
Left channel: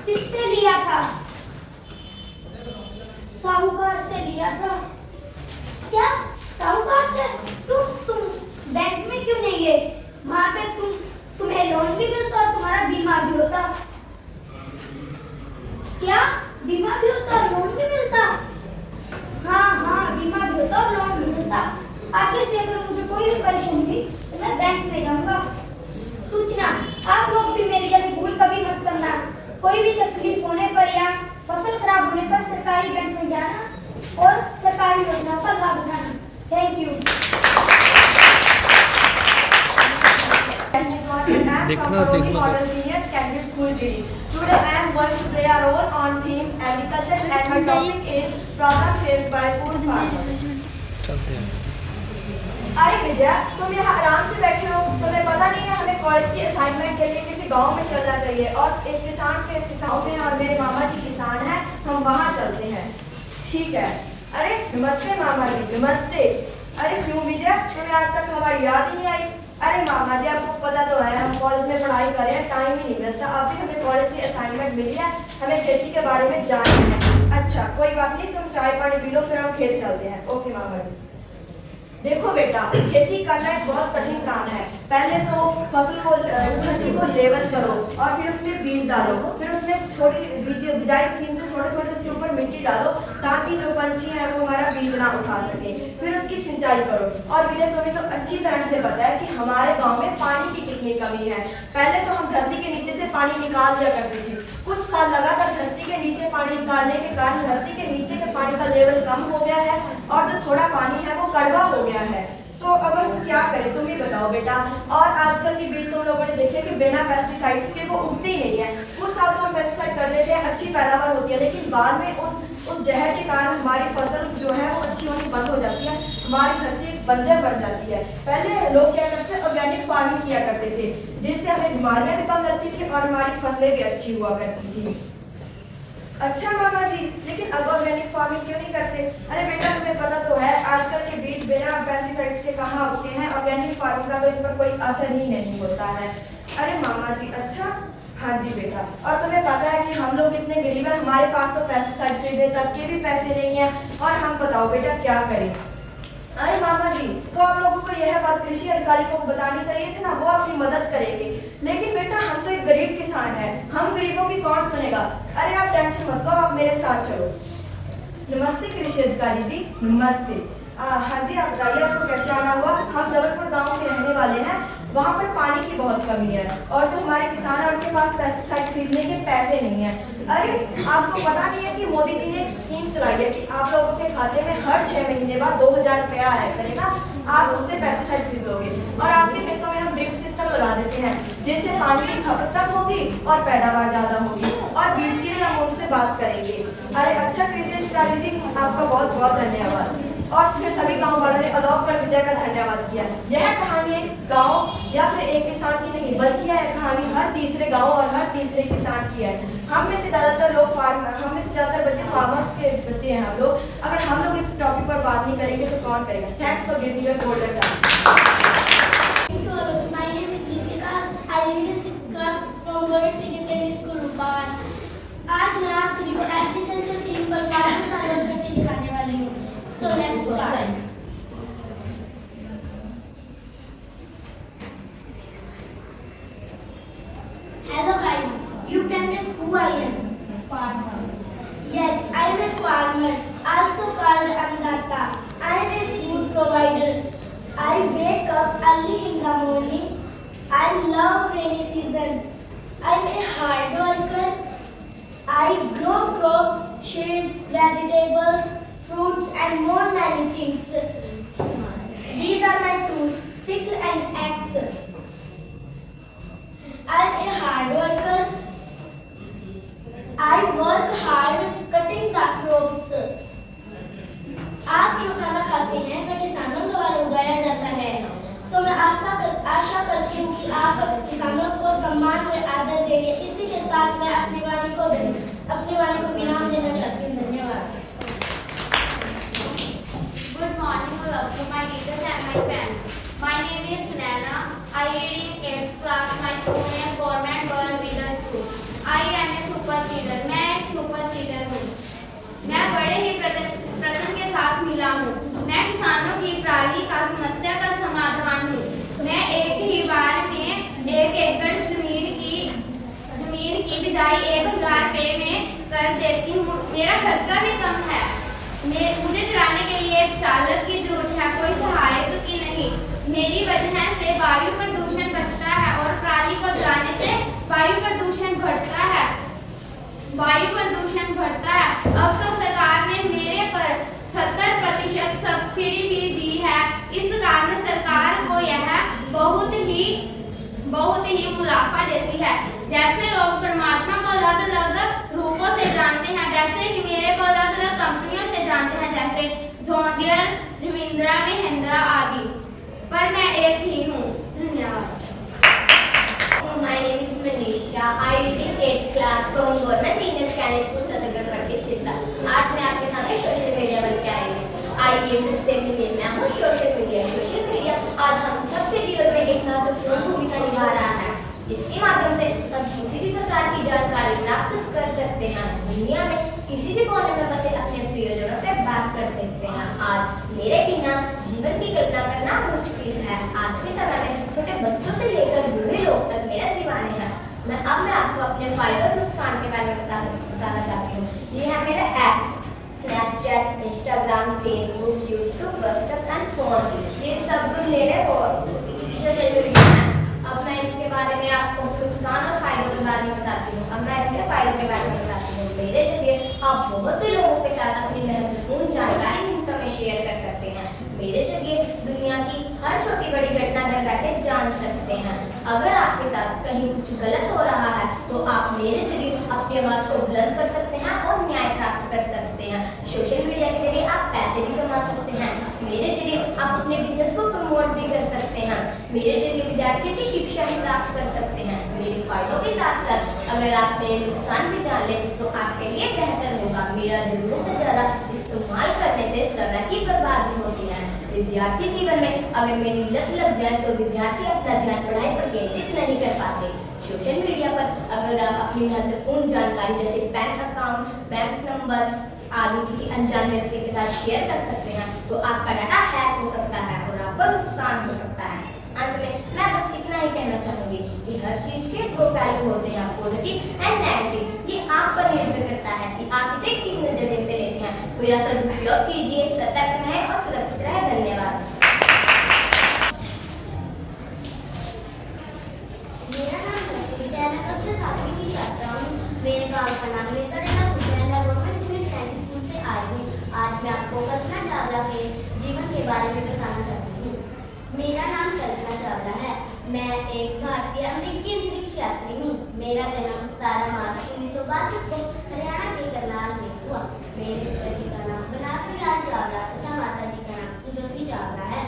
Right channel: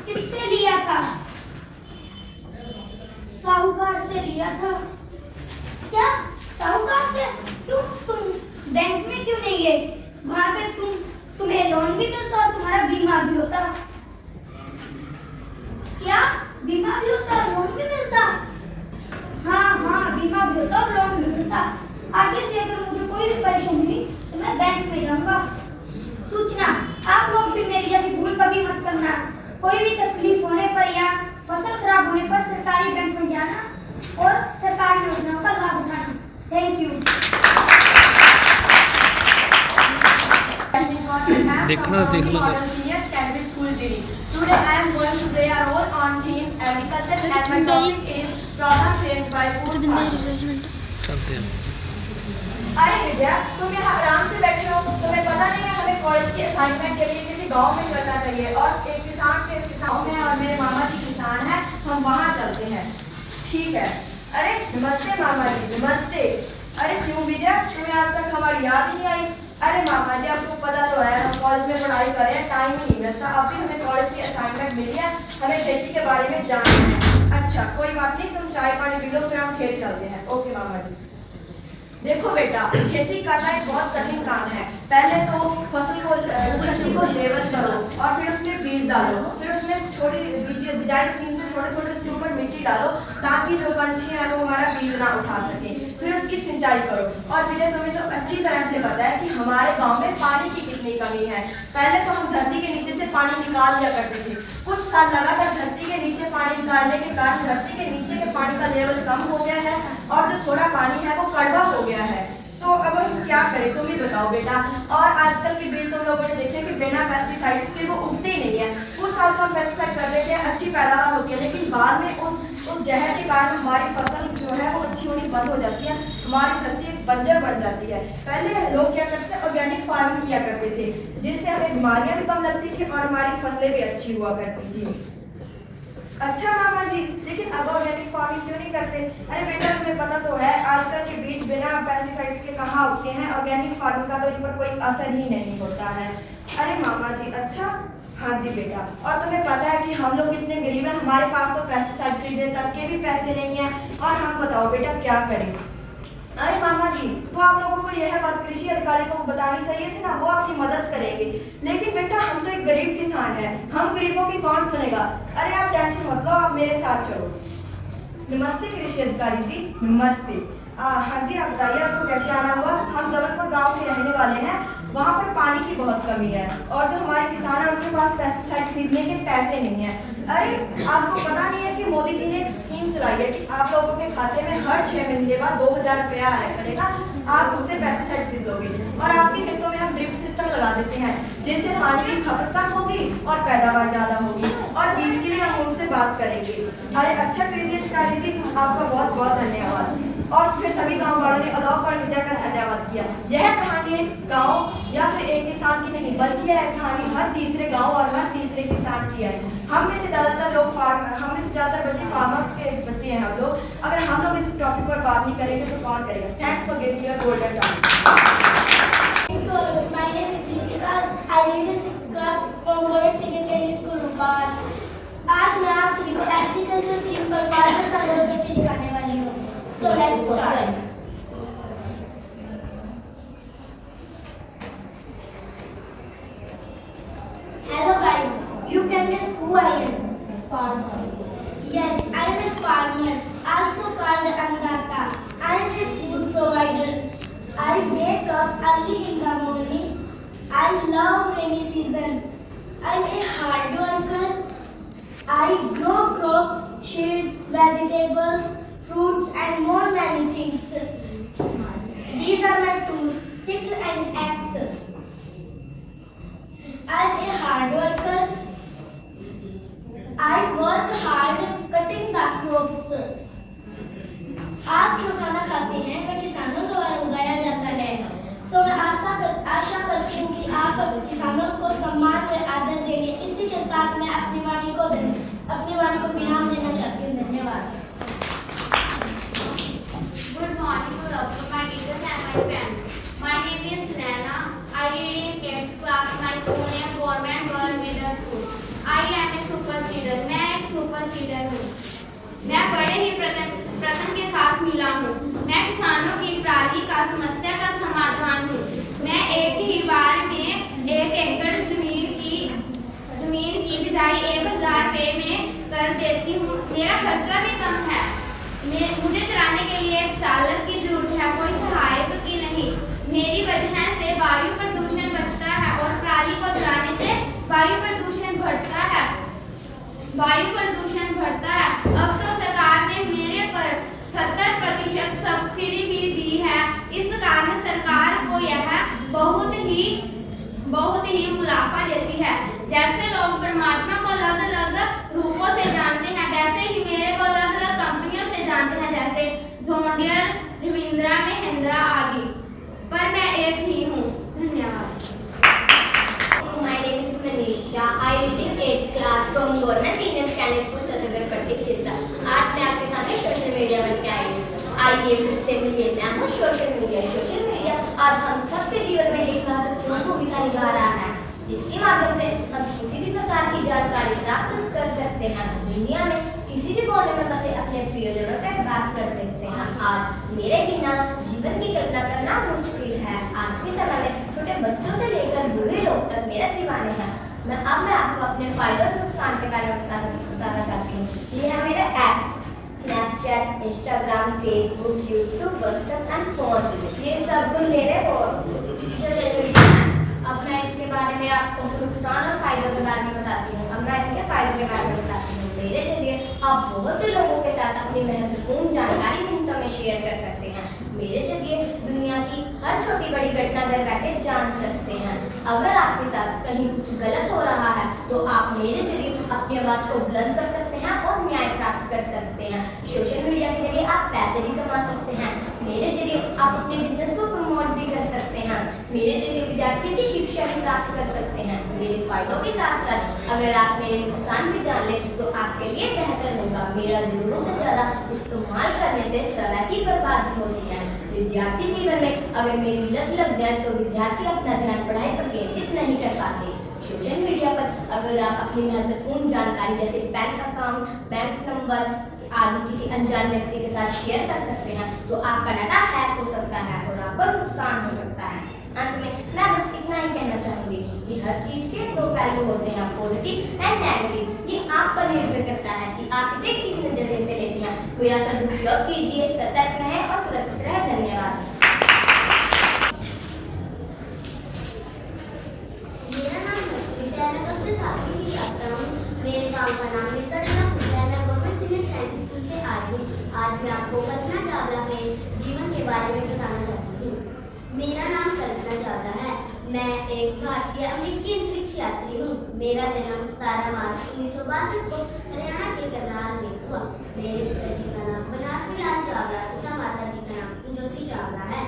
किससे लिया था? साहूकार से लिया था। क्या साहूकार से? क्यों, तुम बैंक में क्यों नहीं गए? वहां पे तुम्हें लोन भी मिलता और तुम्हारा बीमा भी होता। क्या बीमा भी होता और लोन भी मिलता? हाँ, बीमा भी होता और लोन भी मिलता। आगे से अगर मुझे कोई भी परेशानी हुई तो मैं बैंक में जाऊंगा। सूचना, आप लोग भी मेरी जैसी भूल कभी मत करना। कोई भी तकलीफ होने पर या फसल खराब होने पर सरकारी बैंक में जाना और सरकारी योजनाओं का लाभ उठाना। Thank you. देखना Senior Secondary School GD. Today I am going to play a role on theme agriculture and my topic is problem faced by food farmers. चलते हैं। अरे विजय, तुम यहाँ आराम से बैठे हो, तुम्हें पता नहीं है हमें कॉलेज की असाइनमेंट के लिए किसी गांव में चलना चाहिए और एक किसान में और मेरे मामा जी किसान हैं, हम वहाँ चलते हैं। ठीक है। अरे नमस्ते मामा जी। नमस्ते। अरे क्यों विजय, तुम्हें आज तक हमारी याद ही नहीं आई? अरे मामा जी, आपको पता तो है हम कॉलेज में पढ़ाई कर रहे हैं, टाइम ही नहीं मिलता। अभी हमें कॉलेज की असाइनमेंट मिली है, हमें खेती के बारे में जानना है। अच्छा कोई बात नहीं, तुम चाय पानी पी लो, फिर हम खेत चलते हैं। ओके मामा जी। देखो बेटा, खेती करना एक बहुत कठिन काम है। पहले तो फसल को मिट्टी को लेवल करो और फिर उसमें बीज डालो, फिर उसमें थोड़ी बिजाई मशीन से थोड़े उसके ऊपर मिट्टी डालो ताकि जो पंछी है वो हमारा बीज ना उठा सके। फिर उसकी सिंचाई करो। और विजय, तुम्हें तो अच्छी तरह से पता है कि हमारे गांव में पानी की कितनी कमी है। पहले तो हम धरती के नीचे से पानी निकाल लिया करते थे। कुछ साल लगातार धरती के नीचे पानी निकालने के कारण धरती के नीचे के पानी का लेवल कम हो गया है और जो थोड़ा पानी है वो कड़वा हो गया है। तो अब हम क्या करें, तुम ही बताओ बेटा। और आजकल के बीज तुम लोगों ने देखे कि बिना पेस्टिसाइड्स के वो उगते ही नहीं है। कुछ साल तो हम पेस्टिसाइड कर लेते हैं, अच्छी पैदावार होती है, लेकिन बाद में उस जहर के कारण हमारी फसल जो है वो अच्छी होनी बंद हो जाती है, हमारी धरती एक बंजर बन जाती है। पहले लोग क्या करते थे, ऑर्गेनिक फार्मिंग किया करते थे, जिससे हमें बीमारियां भी कम लगती थी और हमारी फसलें भी अच्छी हुआ करती थी। अच्छा मामा जी, लेकिन अब ऑर्गेनिक फार्मिंग क्यों नहीं करते? अरे बेटा, तुम्हें पता तो है आजकल के बीज बिना पेस्टिसाइड्स के कहाँ उगते हैं। ऑर्गेनिक फार्मिंग का तो इन पर कोई असर ही नहीं होता है। अरे मामा जी, अच्छा हाँ जी बेटा। और तुम्हें पता है कि हम लोग इतने गरीब हैं, हमारे पास तो पेस्टिसाइड खरीदने तक के भी पैसे नहीं है और हम बताओ बेटा क्या करें। अरे मामा जी, तो आप लोगों को यह बात कृषि अधिकारी को बतानी चाहिए थी ना, वो आपकी मदद करेंगे। लेकिन बेटा, हम तो एक गरीब किसान हैं, हम गरीबों की कौन सुनेगा। अरे आप टेंशन मत लो, आप मेरे साथ चलो। नमस्ते कृषि अधिकारी जी। नमस्ते। हाँ जी, आप बताइए आपको कैसे आना हुआ? हम जबलपुर गांव के रहने वाले हैं, वहाँ पर पानी की बहुत कमी है और जो हमारे किसान हैं उनके पास पेस्टिसाइड खरीदने के पैसे नहीं है। अरे आपको पता नहीं है कि मोदी जी ने एक स्कीम चलाई है कि आप लोगों के खाते में हर 6 महीने बाद 2000 रुपया आया करेगा, आप उससे पेस्टिसाइड खरीदोगे और आपके खेतों में हम ड्रिप सिस्टम लगा देते हैं, जिससे पानी की खपत कम होगी और पैदावार ज्यादा होगी। और बीज के लिए हम उनसे बात करेंगे। अरे अच्छा कृषि अधिकारी जी, आपका बहुत बहुत धन्यवाद। और फिर सभी गाँव वालों ने अलाउ पर विजय का धन्यवाद किया। यह कहानी एक गांव या फिर एक किसान की नहीं, बल्कि यह कहानी हर तीसरे गांव और हर तीसरे किसान की है। हम में से ज़्यादातर लोग हम में से ज़्यादातर बच्चे फार्मर के बच्चे हैं। हम लोग अगर हम लोग इस टॉपिक पर बात नहीं करेंगे तो कौन करेगा। Thanks for giving your golden time. My name is Ritika. I read in 6th class from Government Senior Secondary School, Rupawan. आज मैं आप सभी को एग्रीकल्चर थीम पर फार्मर का रोल करके दिखाने वाली हूँ। So let's start. Hello guys, you can guess who I am. Farmer. Yes, I am a farmer, also called Annadatta. I am a food provider. I wake up early in the morning. I love rainy season. I am a hard worker. I grow crops, seeds, vegetables, fruits and more many things. These are my tools, sickle and axe. I am a hard worker. I work hard cutting the crops. आप जो खाना खाते हैं वह किसानों द्वारा उगाया जाता है। सो मैं आशा करती हूँ कि आप किसानों को सम्मान व आदर देंगे। इसी के साथ मैं अपनी वाणी को विराम देना चाहती हूँ। धन्यवाद। Good morning, to my teachers and my friends. My name is Sunaina. I read in 8th class. My school name Government Girl Middle School. I am a super seeder. मैं एक सुपर सीडर हूँ। मैं बड़े ही प्रथम के साथ मिला हूँ। मैं किसानों की पराली का समस्या का समाधान हूँ। मैं एक ही बार में 1 एकड़ जमीन की बिजाई 1000 रुपये में कर देती हूँ। मेरा खर्चा भी कम है। मुझे चलाने के लिए एक चालक की जरूरत है, कोई सहायक की नहीं। मेरी वजह से वायु प्रदूषण बचता है और पराली को जलाने से वायु प्रदूषण बढ़ता है। अब तो सरकार ने मेरे पर 70% सब्सिडी भी दी है। इस कारण सरकार को यह बहुत ही मुनाफा देती है। जैसे लोग परमात्मा को अलग अलग रूपों से जानते हैं, वैसे ही मेरे को अलग अलग कंपनियों से जानते हैं, जैसे जॉन डियर, रविंद्रा, महिंद्रा आदि। पर मैं एक ही हूँ। धन्यवाद। My name is Manisha. I read in 8th class from Government Senior Secondary School, Chhatargarh Sirsa. आज मैं आपके सामने सोशल मीडिया बन के आई हूँ। आइए मुझसे मिलिए। मैं हूँ सोशल मीडिया आज हम सबके जीवन में एक महत्वपूर्ण भूमिका निभा रहा है। इसके माध्यम से हम किसी भी प्रकार की जानकारी प्राप्त कर सकते हैं। दुनिया में किसी भी कोने में बसे अपने प्रियजनों से बात कर सकते हैं। आज मेरे बिना जीवन की कल्पना करना मुश्किल है। आज के समय में छोटे बच्चों से लेकर बूढ़े लोग तक मेरे दीवाने हैं। मैं आपको अपने फायदे और नुकसान के बारे में बताना चाहती हूँ। ये है मेरा apps, Snapchat, Instagram, Facebook, YouTube, WhatsApp and phone. ये सब मेरे अब मैं इसके बारे में आपको नुकसान और फायदों के बारे में बताती हूँ। अब मैं इसके फायदों के बारे में बताती हूँ। मेरे जरिए आप बहुत से लोगों के साथ अपनी महत्वपूर्ण जानकारी मिनटों में शेयर कर सकते हैं। मेरे जरिए दुनिया की हर छोटी बड़ी घटना घर बैठे जान सकते हैं। अगर आपके साथ कहीं कुछ गलत हो रहा है तो आप मेरे जरिए अपनी आवाज़ को बुलंद कर सकते हैं और न्याय प्राप्त कर सकते हैं। सोशल मीडिया के जरिए आप पैसे भी कमा सकते हैं। मेरे जरिए आप अपने बिजनेस को प्रमोट भी कर सकते हैं। मेरे जरिए विद्यार्थी की शिक्षा भी प्राप्त कर सकते हैं। मेरे फायदों के साथ साथ अगर आप मेरे नुकसान भी जान लें तो आपके लिए बेहतर होगा। मेरा जरूरत से ज़्यादा इस्तेमाल करने से समय की बर्बादी होती है। विद्यार्थी जीवन में अगर मेरी लत लग जाए तो विद्यार्थी अपना ध्यान पढ़ाई पर केंद्रित नहीं कर पाते। सोशल मीडिया पर अगर आप अपनी महत्वपूर्ण जानकारी जैसे बैंक अकाउंट, बैंक नंबर आदि किसी अनजान व्यक्ति के साथ शेयर कर सकते हैं तो आपका डाटा हैक हो सकता है और आपको नुकसान हो सकता है। अंत में मैं बस इतना ही कहना चाहूँगी कि हर चीज़ के 2 पहलू होते हैं, पॉजिटिव एंड नेगेटिव। ये आप पर निर्भर करता है कि आप इसे किस नजरिए से लेते हैं। मेरा सदुपयोग कीजिए, सतर्क रहें और सुरक्षित रहें। धन्यवाद। मेरा नाम हर्षिता है। मैं कक्षा 7वीं की छात्रा हूँ। मेरे गांव का नाम मिर्जाडेला कुटियाला गवर्नमेंट सीनियर सेकेंडरी स्कूल से आई हूँ। आज मैं आपको कल्पना चावला के जीवन के बारे में बताना चाहती हूँ। मेरा नाम कल्पना चावला है। मैं एक भारतीय अमेरिकी अंतरिक्ष यात्री हूँ। मेरा जन्म 17 मार्च 1965 1962 को हरियाणा के करनाल में हुआ। मेरे पिताजी का नाम बनारसी लाल चावला तथा माता जी का नाम संजोती चावला है।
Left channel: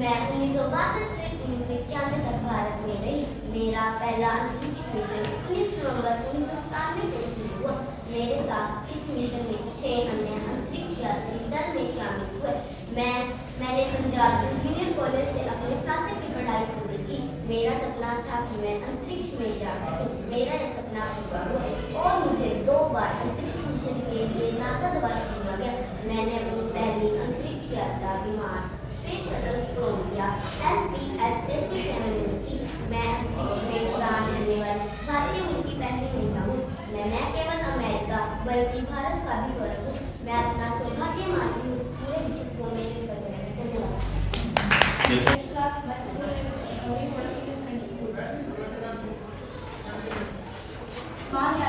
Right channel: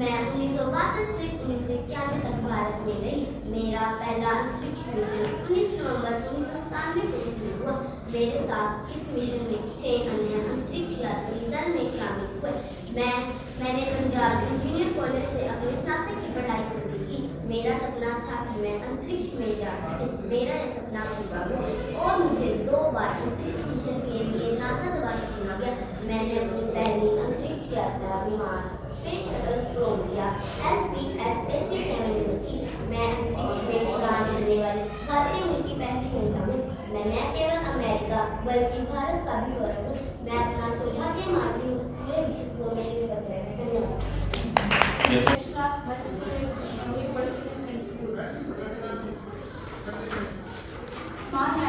मैं 1962 से 1991 तक भारत में रही। मेरा पहला अंतरिक्ष मिशन 19 नवंबर 1997 को शुरू हुआ। मेरे साथ इस मिशन में 6 अन्य अंतरिक्ष यात्री दल में शामिल हुए। मैंने पंजाब इंजीनियर कॉलेज से अपने स्नातक की पढ़ाई पूरी की। मेरा सपना था कि मैं अंतरिक्ष में जा सकूं। मेरा यह सपना पूरा हुआ और मुझे 2 बार अंतरिक्ष मिशन के लिए नासा द्वारा चुना गया। मैंने अपनी पहली अंतरिक्ष यात्रा विमान स्पेस शटल कोलंबिया STS-87 में की। मैं अंतरिक्ष में उड़ान भरने वाली भारतीय मूल की पहली महिला हूँ। मैं न केवल अमेरिका बल्कि भारत का भी गौरव हूँ। मैं अपना सौभाग्य मानती हूँ। पूरे विश्व को मेरे ऊपर ग्रहण धन्यवाद।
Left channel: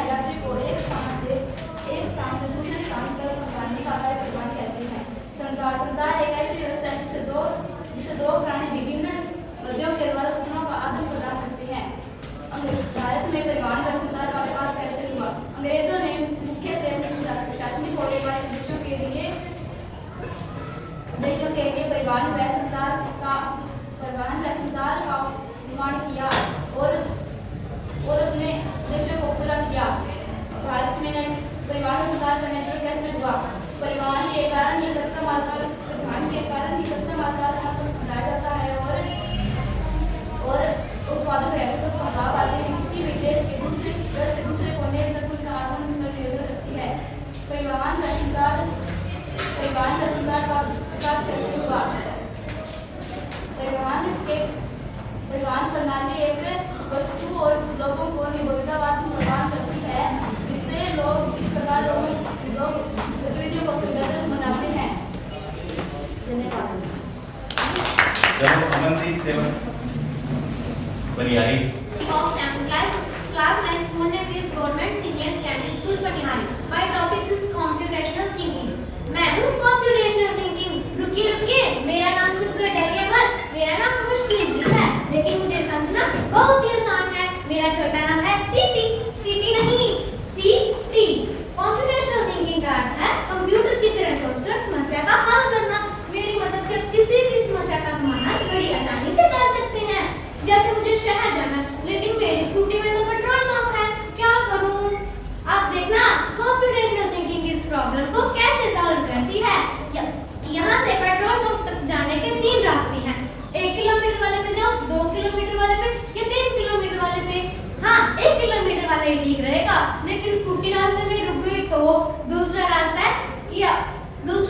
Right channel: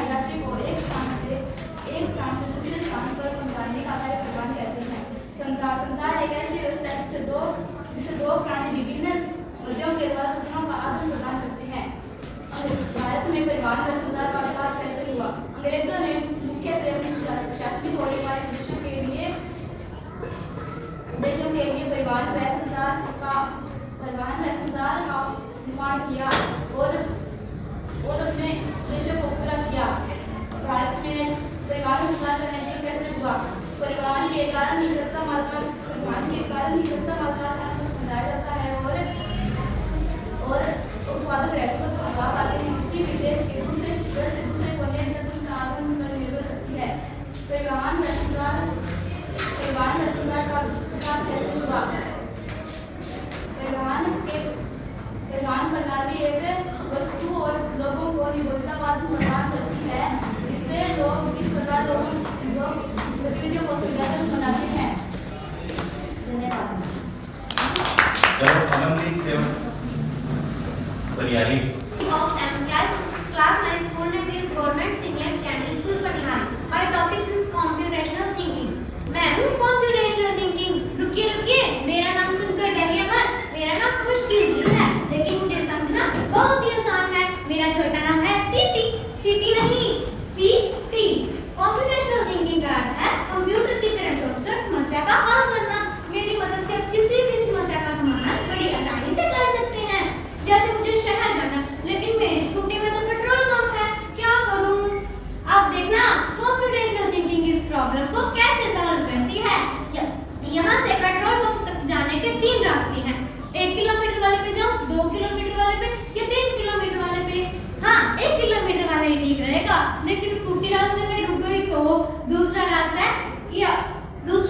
यात्री को एक स्थान से दूसरे स्थान पर पहुंचाने का कार्य परिवहन कहते हैं। संचार एक ऐसी व्यवस्था है जिसे दो प्राणी विभिन्न माध्यमों के द्वारा सूचनाओं का आदान प्रदान करते हैं। भारत में परिवहन व संचार का विकास कैसे हुआ? अंग्रेजों ने मुख्य से प्रशासनिक और व्यापारिक देशों के लिए परिवहन व संचार का निर्माण किया और अपने देशों को पूरा किया। भारत में परिवहन संचार का नेटवर्क कैसे हुआ? परिवहन के कारण ही कच्चा माल कारखानों तक पहुंचाया जाता है और उत्पादक रैकों तक पहुंचा पाते हैं। किसी भी देश के दूसरे कोने तक उनका आदान पर निर्भर करती है। परिवहन व संचार का विकास कैसे हुआ? परिवहन प्रणाली एक वस्तु और लोगों को निबद्धतावाद प्रदान करती है, जिससे लोग इस प्रकार लोग गतिविधियों को सुविधाजनक बनाते हैं। धन्यवाद। Amandeep seven Baniyari of 7th class. My school name is Government Senior Secondary School Panihari. My topic is computational thinking. मैं हूँ computational thinking. रुकिए, मेरा नाम सुनकर डरिए मत। मेरा नाम मुश्किल है, लेकिन मुझे समझना बहुत ही आसान है। मेरा छोटा नाम है सीटी नहीं CT। computational thinking का अर्थ है कंप्यूटर की तरह सोचकर समस्या का हल करना। मेरी मदद से किसी भी समस्या का समाधान बड़ी आसानी से कर सकते हैं। जैसे मुझे शहर जाना, लेकिन मेरी स्कूटी में तो पेट्रोल कम है, क्या करूं? अब देखना कंप्यूटेशनल थिंकिंग इस प्रॉब्लम को कैसे सॉल्व करती है। यहाँ से पेट्रोल पंप तक जाने के 3 रास्ते हैं। 1 किलोमीटर वाले पे जाओ, 2 किलोमीटर वाले पे या 3 किलोमीटर वाले पे। हाँ, 1 किलोमीटर वाला ही ठीक रहेगा, लेकिन स्कूटी रास्ते में रुक गई तो दूसरा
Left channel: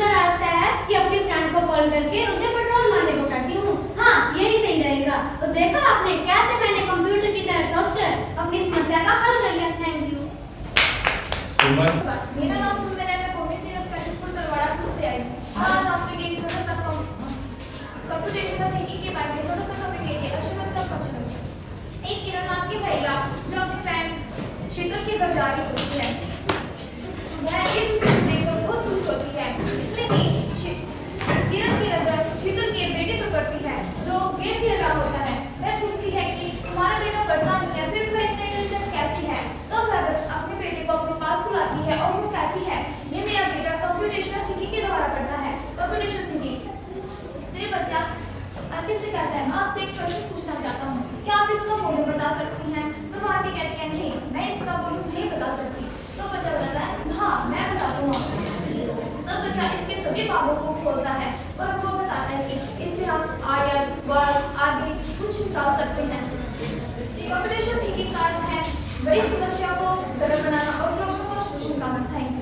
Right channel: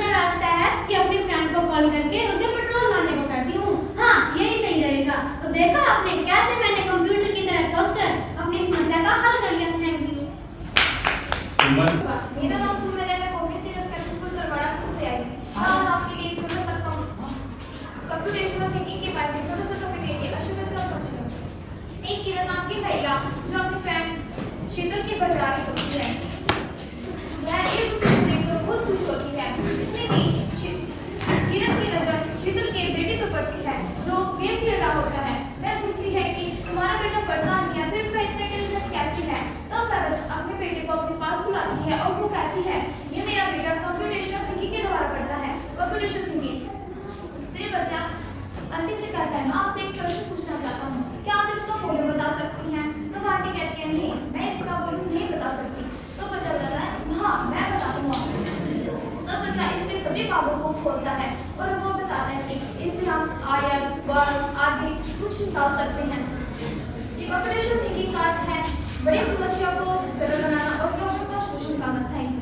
रास्ता है कि अपनी फ्रेंड को कॉल करके उसे पेट्रोल मारने को कहती हूँ। हाँ, यही सही रहेगा। तो देखा आपने कैसे मैंने कंप्यूटर की तरह सोचकर अपनी समस्या का हल कर लिया। Thank you. मेरा नाम सुंदर है। मैं कॉमर्स सेकेंडरी स्कूल तरवाड़ा से आई हूँ। आज आपके लिए छोटा सा कंप्यूटेशनल थिंकिंग के बारे में छोटा सा टॉपिक लेके अश्वमेध पहुंची। एक किरण नाम की महिला जो अपनी फ्रेंड शीतल की घर जा रही होती है, वह एक दूसरे को देखकर बहुत खुश होती है। इसमें कि किरण की नजर शीतल के बेटे पर पड़ती है जो गेम खेल रहा होता है। वह पूछती है कि तुम्हारा बेटा पढ़ता नहीं है, फिर वह इतने टेंशन कैसी है? तो वह अपने बेटे को अपने पास बुलाती है और वो कहती है, ये मेरा बेटा कंप्यूटेशनल थिंकिंग के द्वारा पढ़ता है। Computational thinking. फिर बच्चा आंटी से कहता है, मैं आपसे एक प्रश्न पूछना चाहता हूँ, क्या आप इसका वॉल्यूम बता सकती हैं? तो आंटी कहती है, नहीं, मैं इसका वॉल्यूम नहीं बता सकती। तो बच्चा बताता है, हाँ, मैं बताता हूँ। तो बच्चा इसके सभी भागों को खोलता है और वो बताता है कि इससे आप आयत, वर्ग आदि कुछ निकाल सकते हैं। कंप्यूटेशनल थिंकिंग का अर्थ है बड़ी समस्या को सरल बनाना और प्रॉब्लम को सॉल्यूशन करना। Thank you.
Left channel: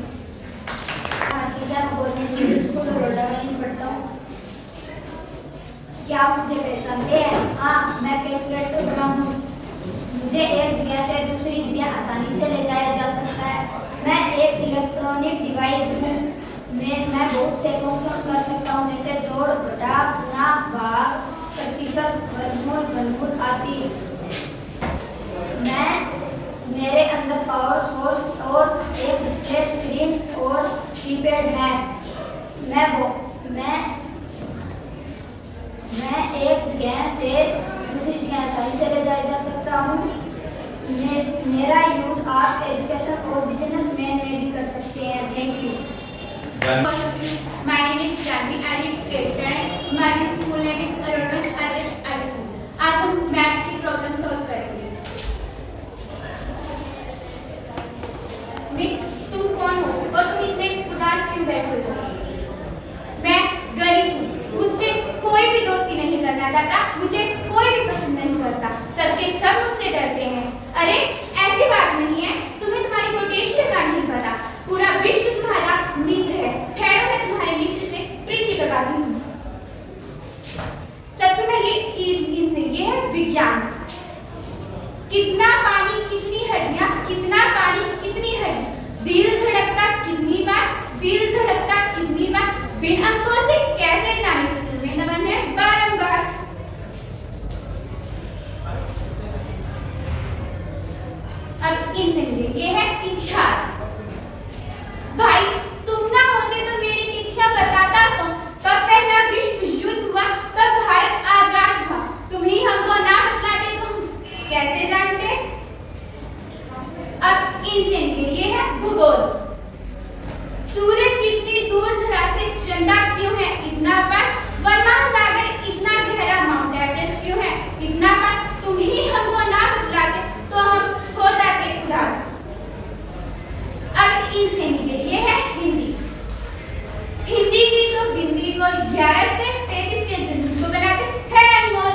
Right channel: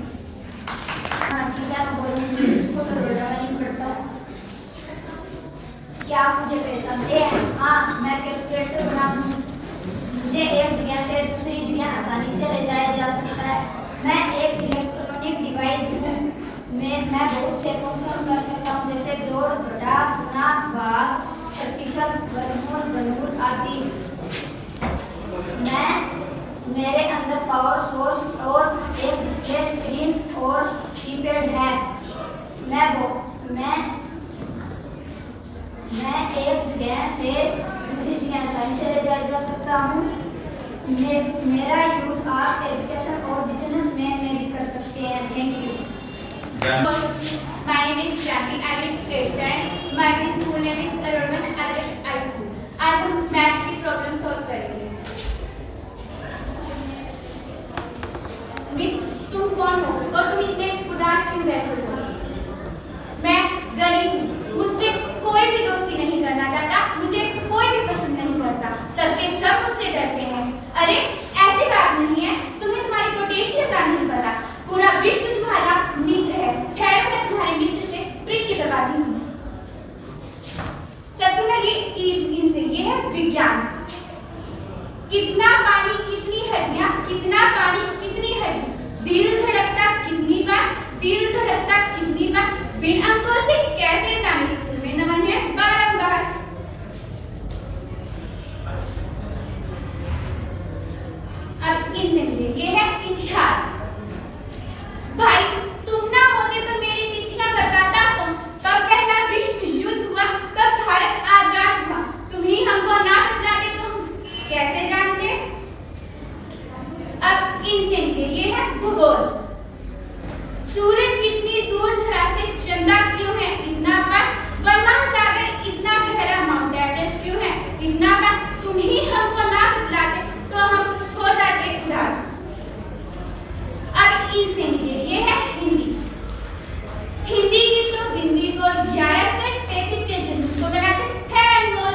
क्या आप मुझे पहचानते हैं? हाँ, मैं कैलकुलेटर बना हूँ। मुझे एक जगह से दूसरी जगह आसानी से ले जाया जा सकता है। मैं एक इलेक्ट्रॉनिक डिवाइस हूँ। मैं बहुत से फंक्शन कर सकता हूँ, जैसे जोड़, घटा, गुणा, भाग, प्रतिशत, वर्गमूल आदि। मेरे अंदर पावर सोर्स और एक डिस्प्ले स्क्रीन और कीपैड है। मैं एक जगह से दूसरी जगह आसानी से ले जाया जा सकता हूँ। मेरा यूज आर्ट, एजुकेशन और business My name is Janvi. I read 8th standard. My school name is Aromash Adarsh High School. आज हम मैथ्स की प्रॉब्लम सॉल्व करेंगे। तुम कौन हो और तुम इतने उदास क्यों बैठे हो? मैं गरीब हूँ, मुझसे कोई भी दोस्ती नहीं करना चाहता, मुझे कोई भी पसंद नहीं करता, सबके सब मुझसे डरते हैं। अरे ऐसी बात नहीं है, तुम्हें तुम्हारी पोटेंशियल का नहीं पता, पूरा विश्व तुम्हारा मित्र है। ठहरो, मैं तुम्हारे मित्र से परिचय करवाती हूँ। सबसे पहले इनसे ये है विज्ञान। कितना पानी कितनी हड्डियां, कितना पानी कितनी हड्डी, दिल धड़कता कितनी बार, दिल धड़कता कितनी बार, बिन अंकों से कैसे जाने, तुम्हें नमन है बारंबार। अब इनसे मिले, ये है इतिहास। भाई तुम ना होते तो मेरी तिथियां बताता हूँ, कब पहला विश्व युद्ध हुआ, कब भारत आजाद हुआ, तुम ही हमको ना बतलाते तो हम कैसे जानते। अब इनसे मिले, ये है भूगोल। सूरज कितनी दूर धरा से, चंदा क्यों है इतना पास, वन महासागर इतना गहरा, माउंट एवरेस्ट क्यों है इतना पास, तुम ही हमको ना बतलाते तो हम हो जाते उदास। अब इनसे मिले, ये है हिंदी। हिंदी की तो बिंदी को 11 से 33 के जन्म को बनाते हैं अनमोल।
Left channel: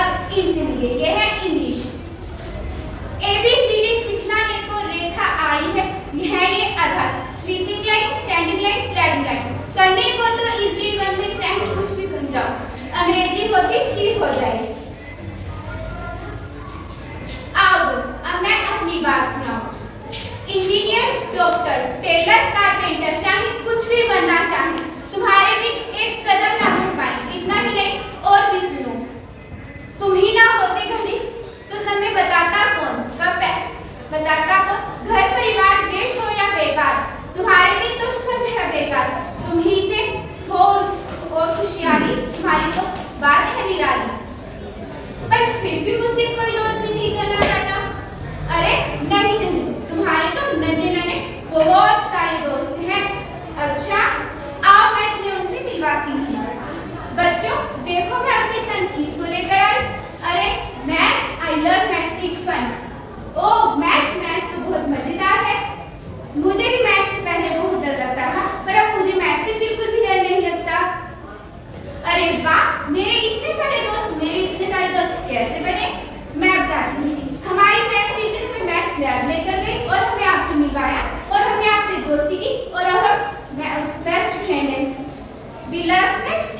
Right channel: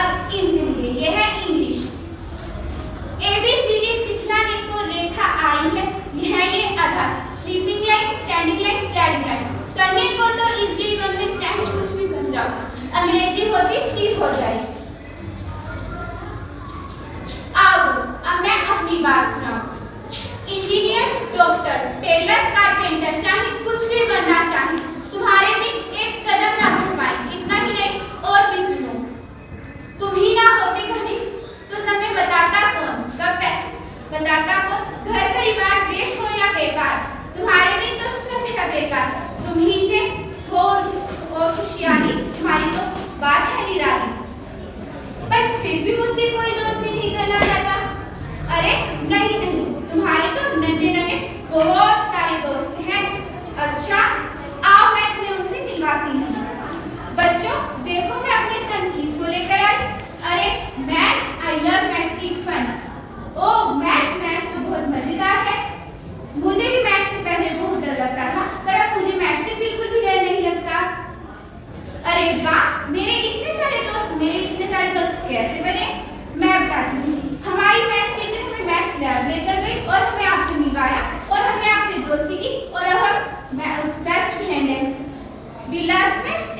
अब इनसे मिले, ये है इंग्लिश। ABCD सिखलाने को रेखा आई है, यह ये आधार, sleeping line, standing line, sliding line, करने को तो इस जीवन में चाहे कुछ भी बन जाओ, अंग्रेजी होती तीर हो जाए। आओ दोस्त, अब मैं अपनी बात सुनाऊं। इंजीनियर, डॉक्टर, टेलर, कारपेंटर, चाहे कुछ भी बनना चाहे, तुम्हारे भी एक कदम ना बढ़ पाए, इतना ही नहीं और भी सुनो। तुम ही ना होते घड़ी तो समय बताता कौन, कब बताता कौन, घर परिवार देश हो या व्यापार, तुम्हारे भी तो सब है बेकार, तुम ही से हो और खुशहाली, तुम्हारी तो बात है निराली। पर फिर भी मुझसे कोई दोस्ती नहीं करना चाहता। अरे नहीं नहीं, तुम्हारे तो नन्हे नन्हे बहुत सारे दोस्त हैं। अच्छा आओ मैं तुम्हें उनसे मिलवाती हूँ। बच्चों देखो, मैं अपने संग किसको लेकर आई। अरे maths, I love maths, it fun. Oh maths तो बहुत मजेदार है। मुझे भी मैथ्स से पहले बहुत डर लगता था, पर अब मुझे मैथ्स से बिल्कुल भी डर नहीं लगता। अरे वाह, मेरे इतने सारे दोस्त कैसे बने, मैं बताती हूँ। हमारी मैथ्स टीचर हमें मैथ्स लैब लेकर गई और हमें आपसे मिलवाया और हमने आपसे दोस्ती की और अब हम बेस्ट फ्रेंड हैं। We love maths.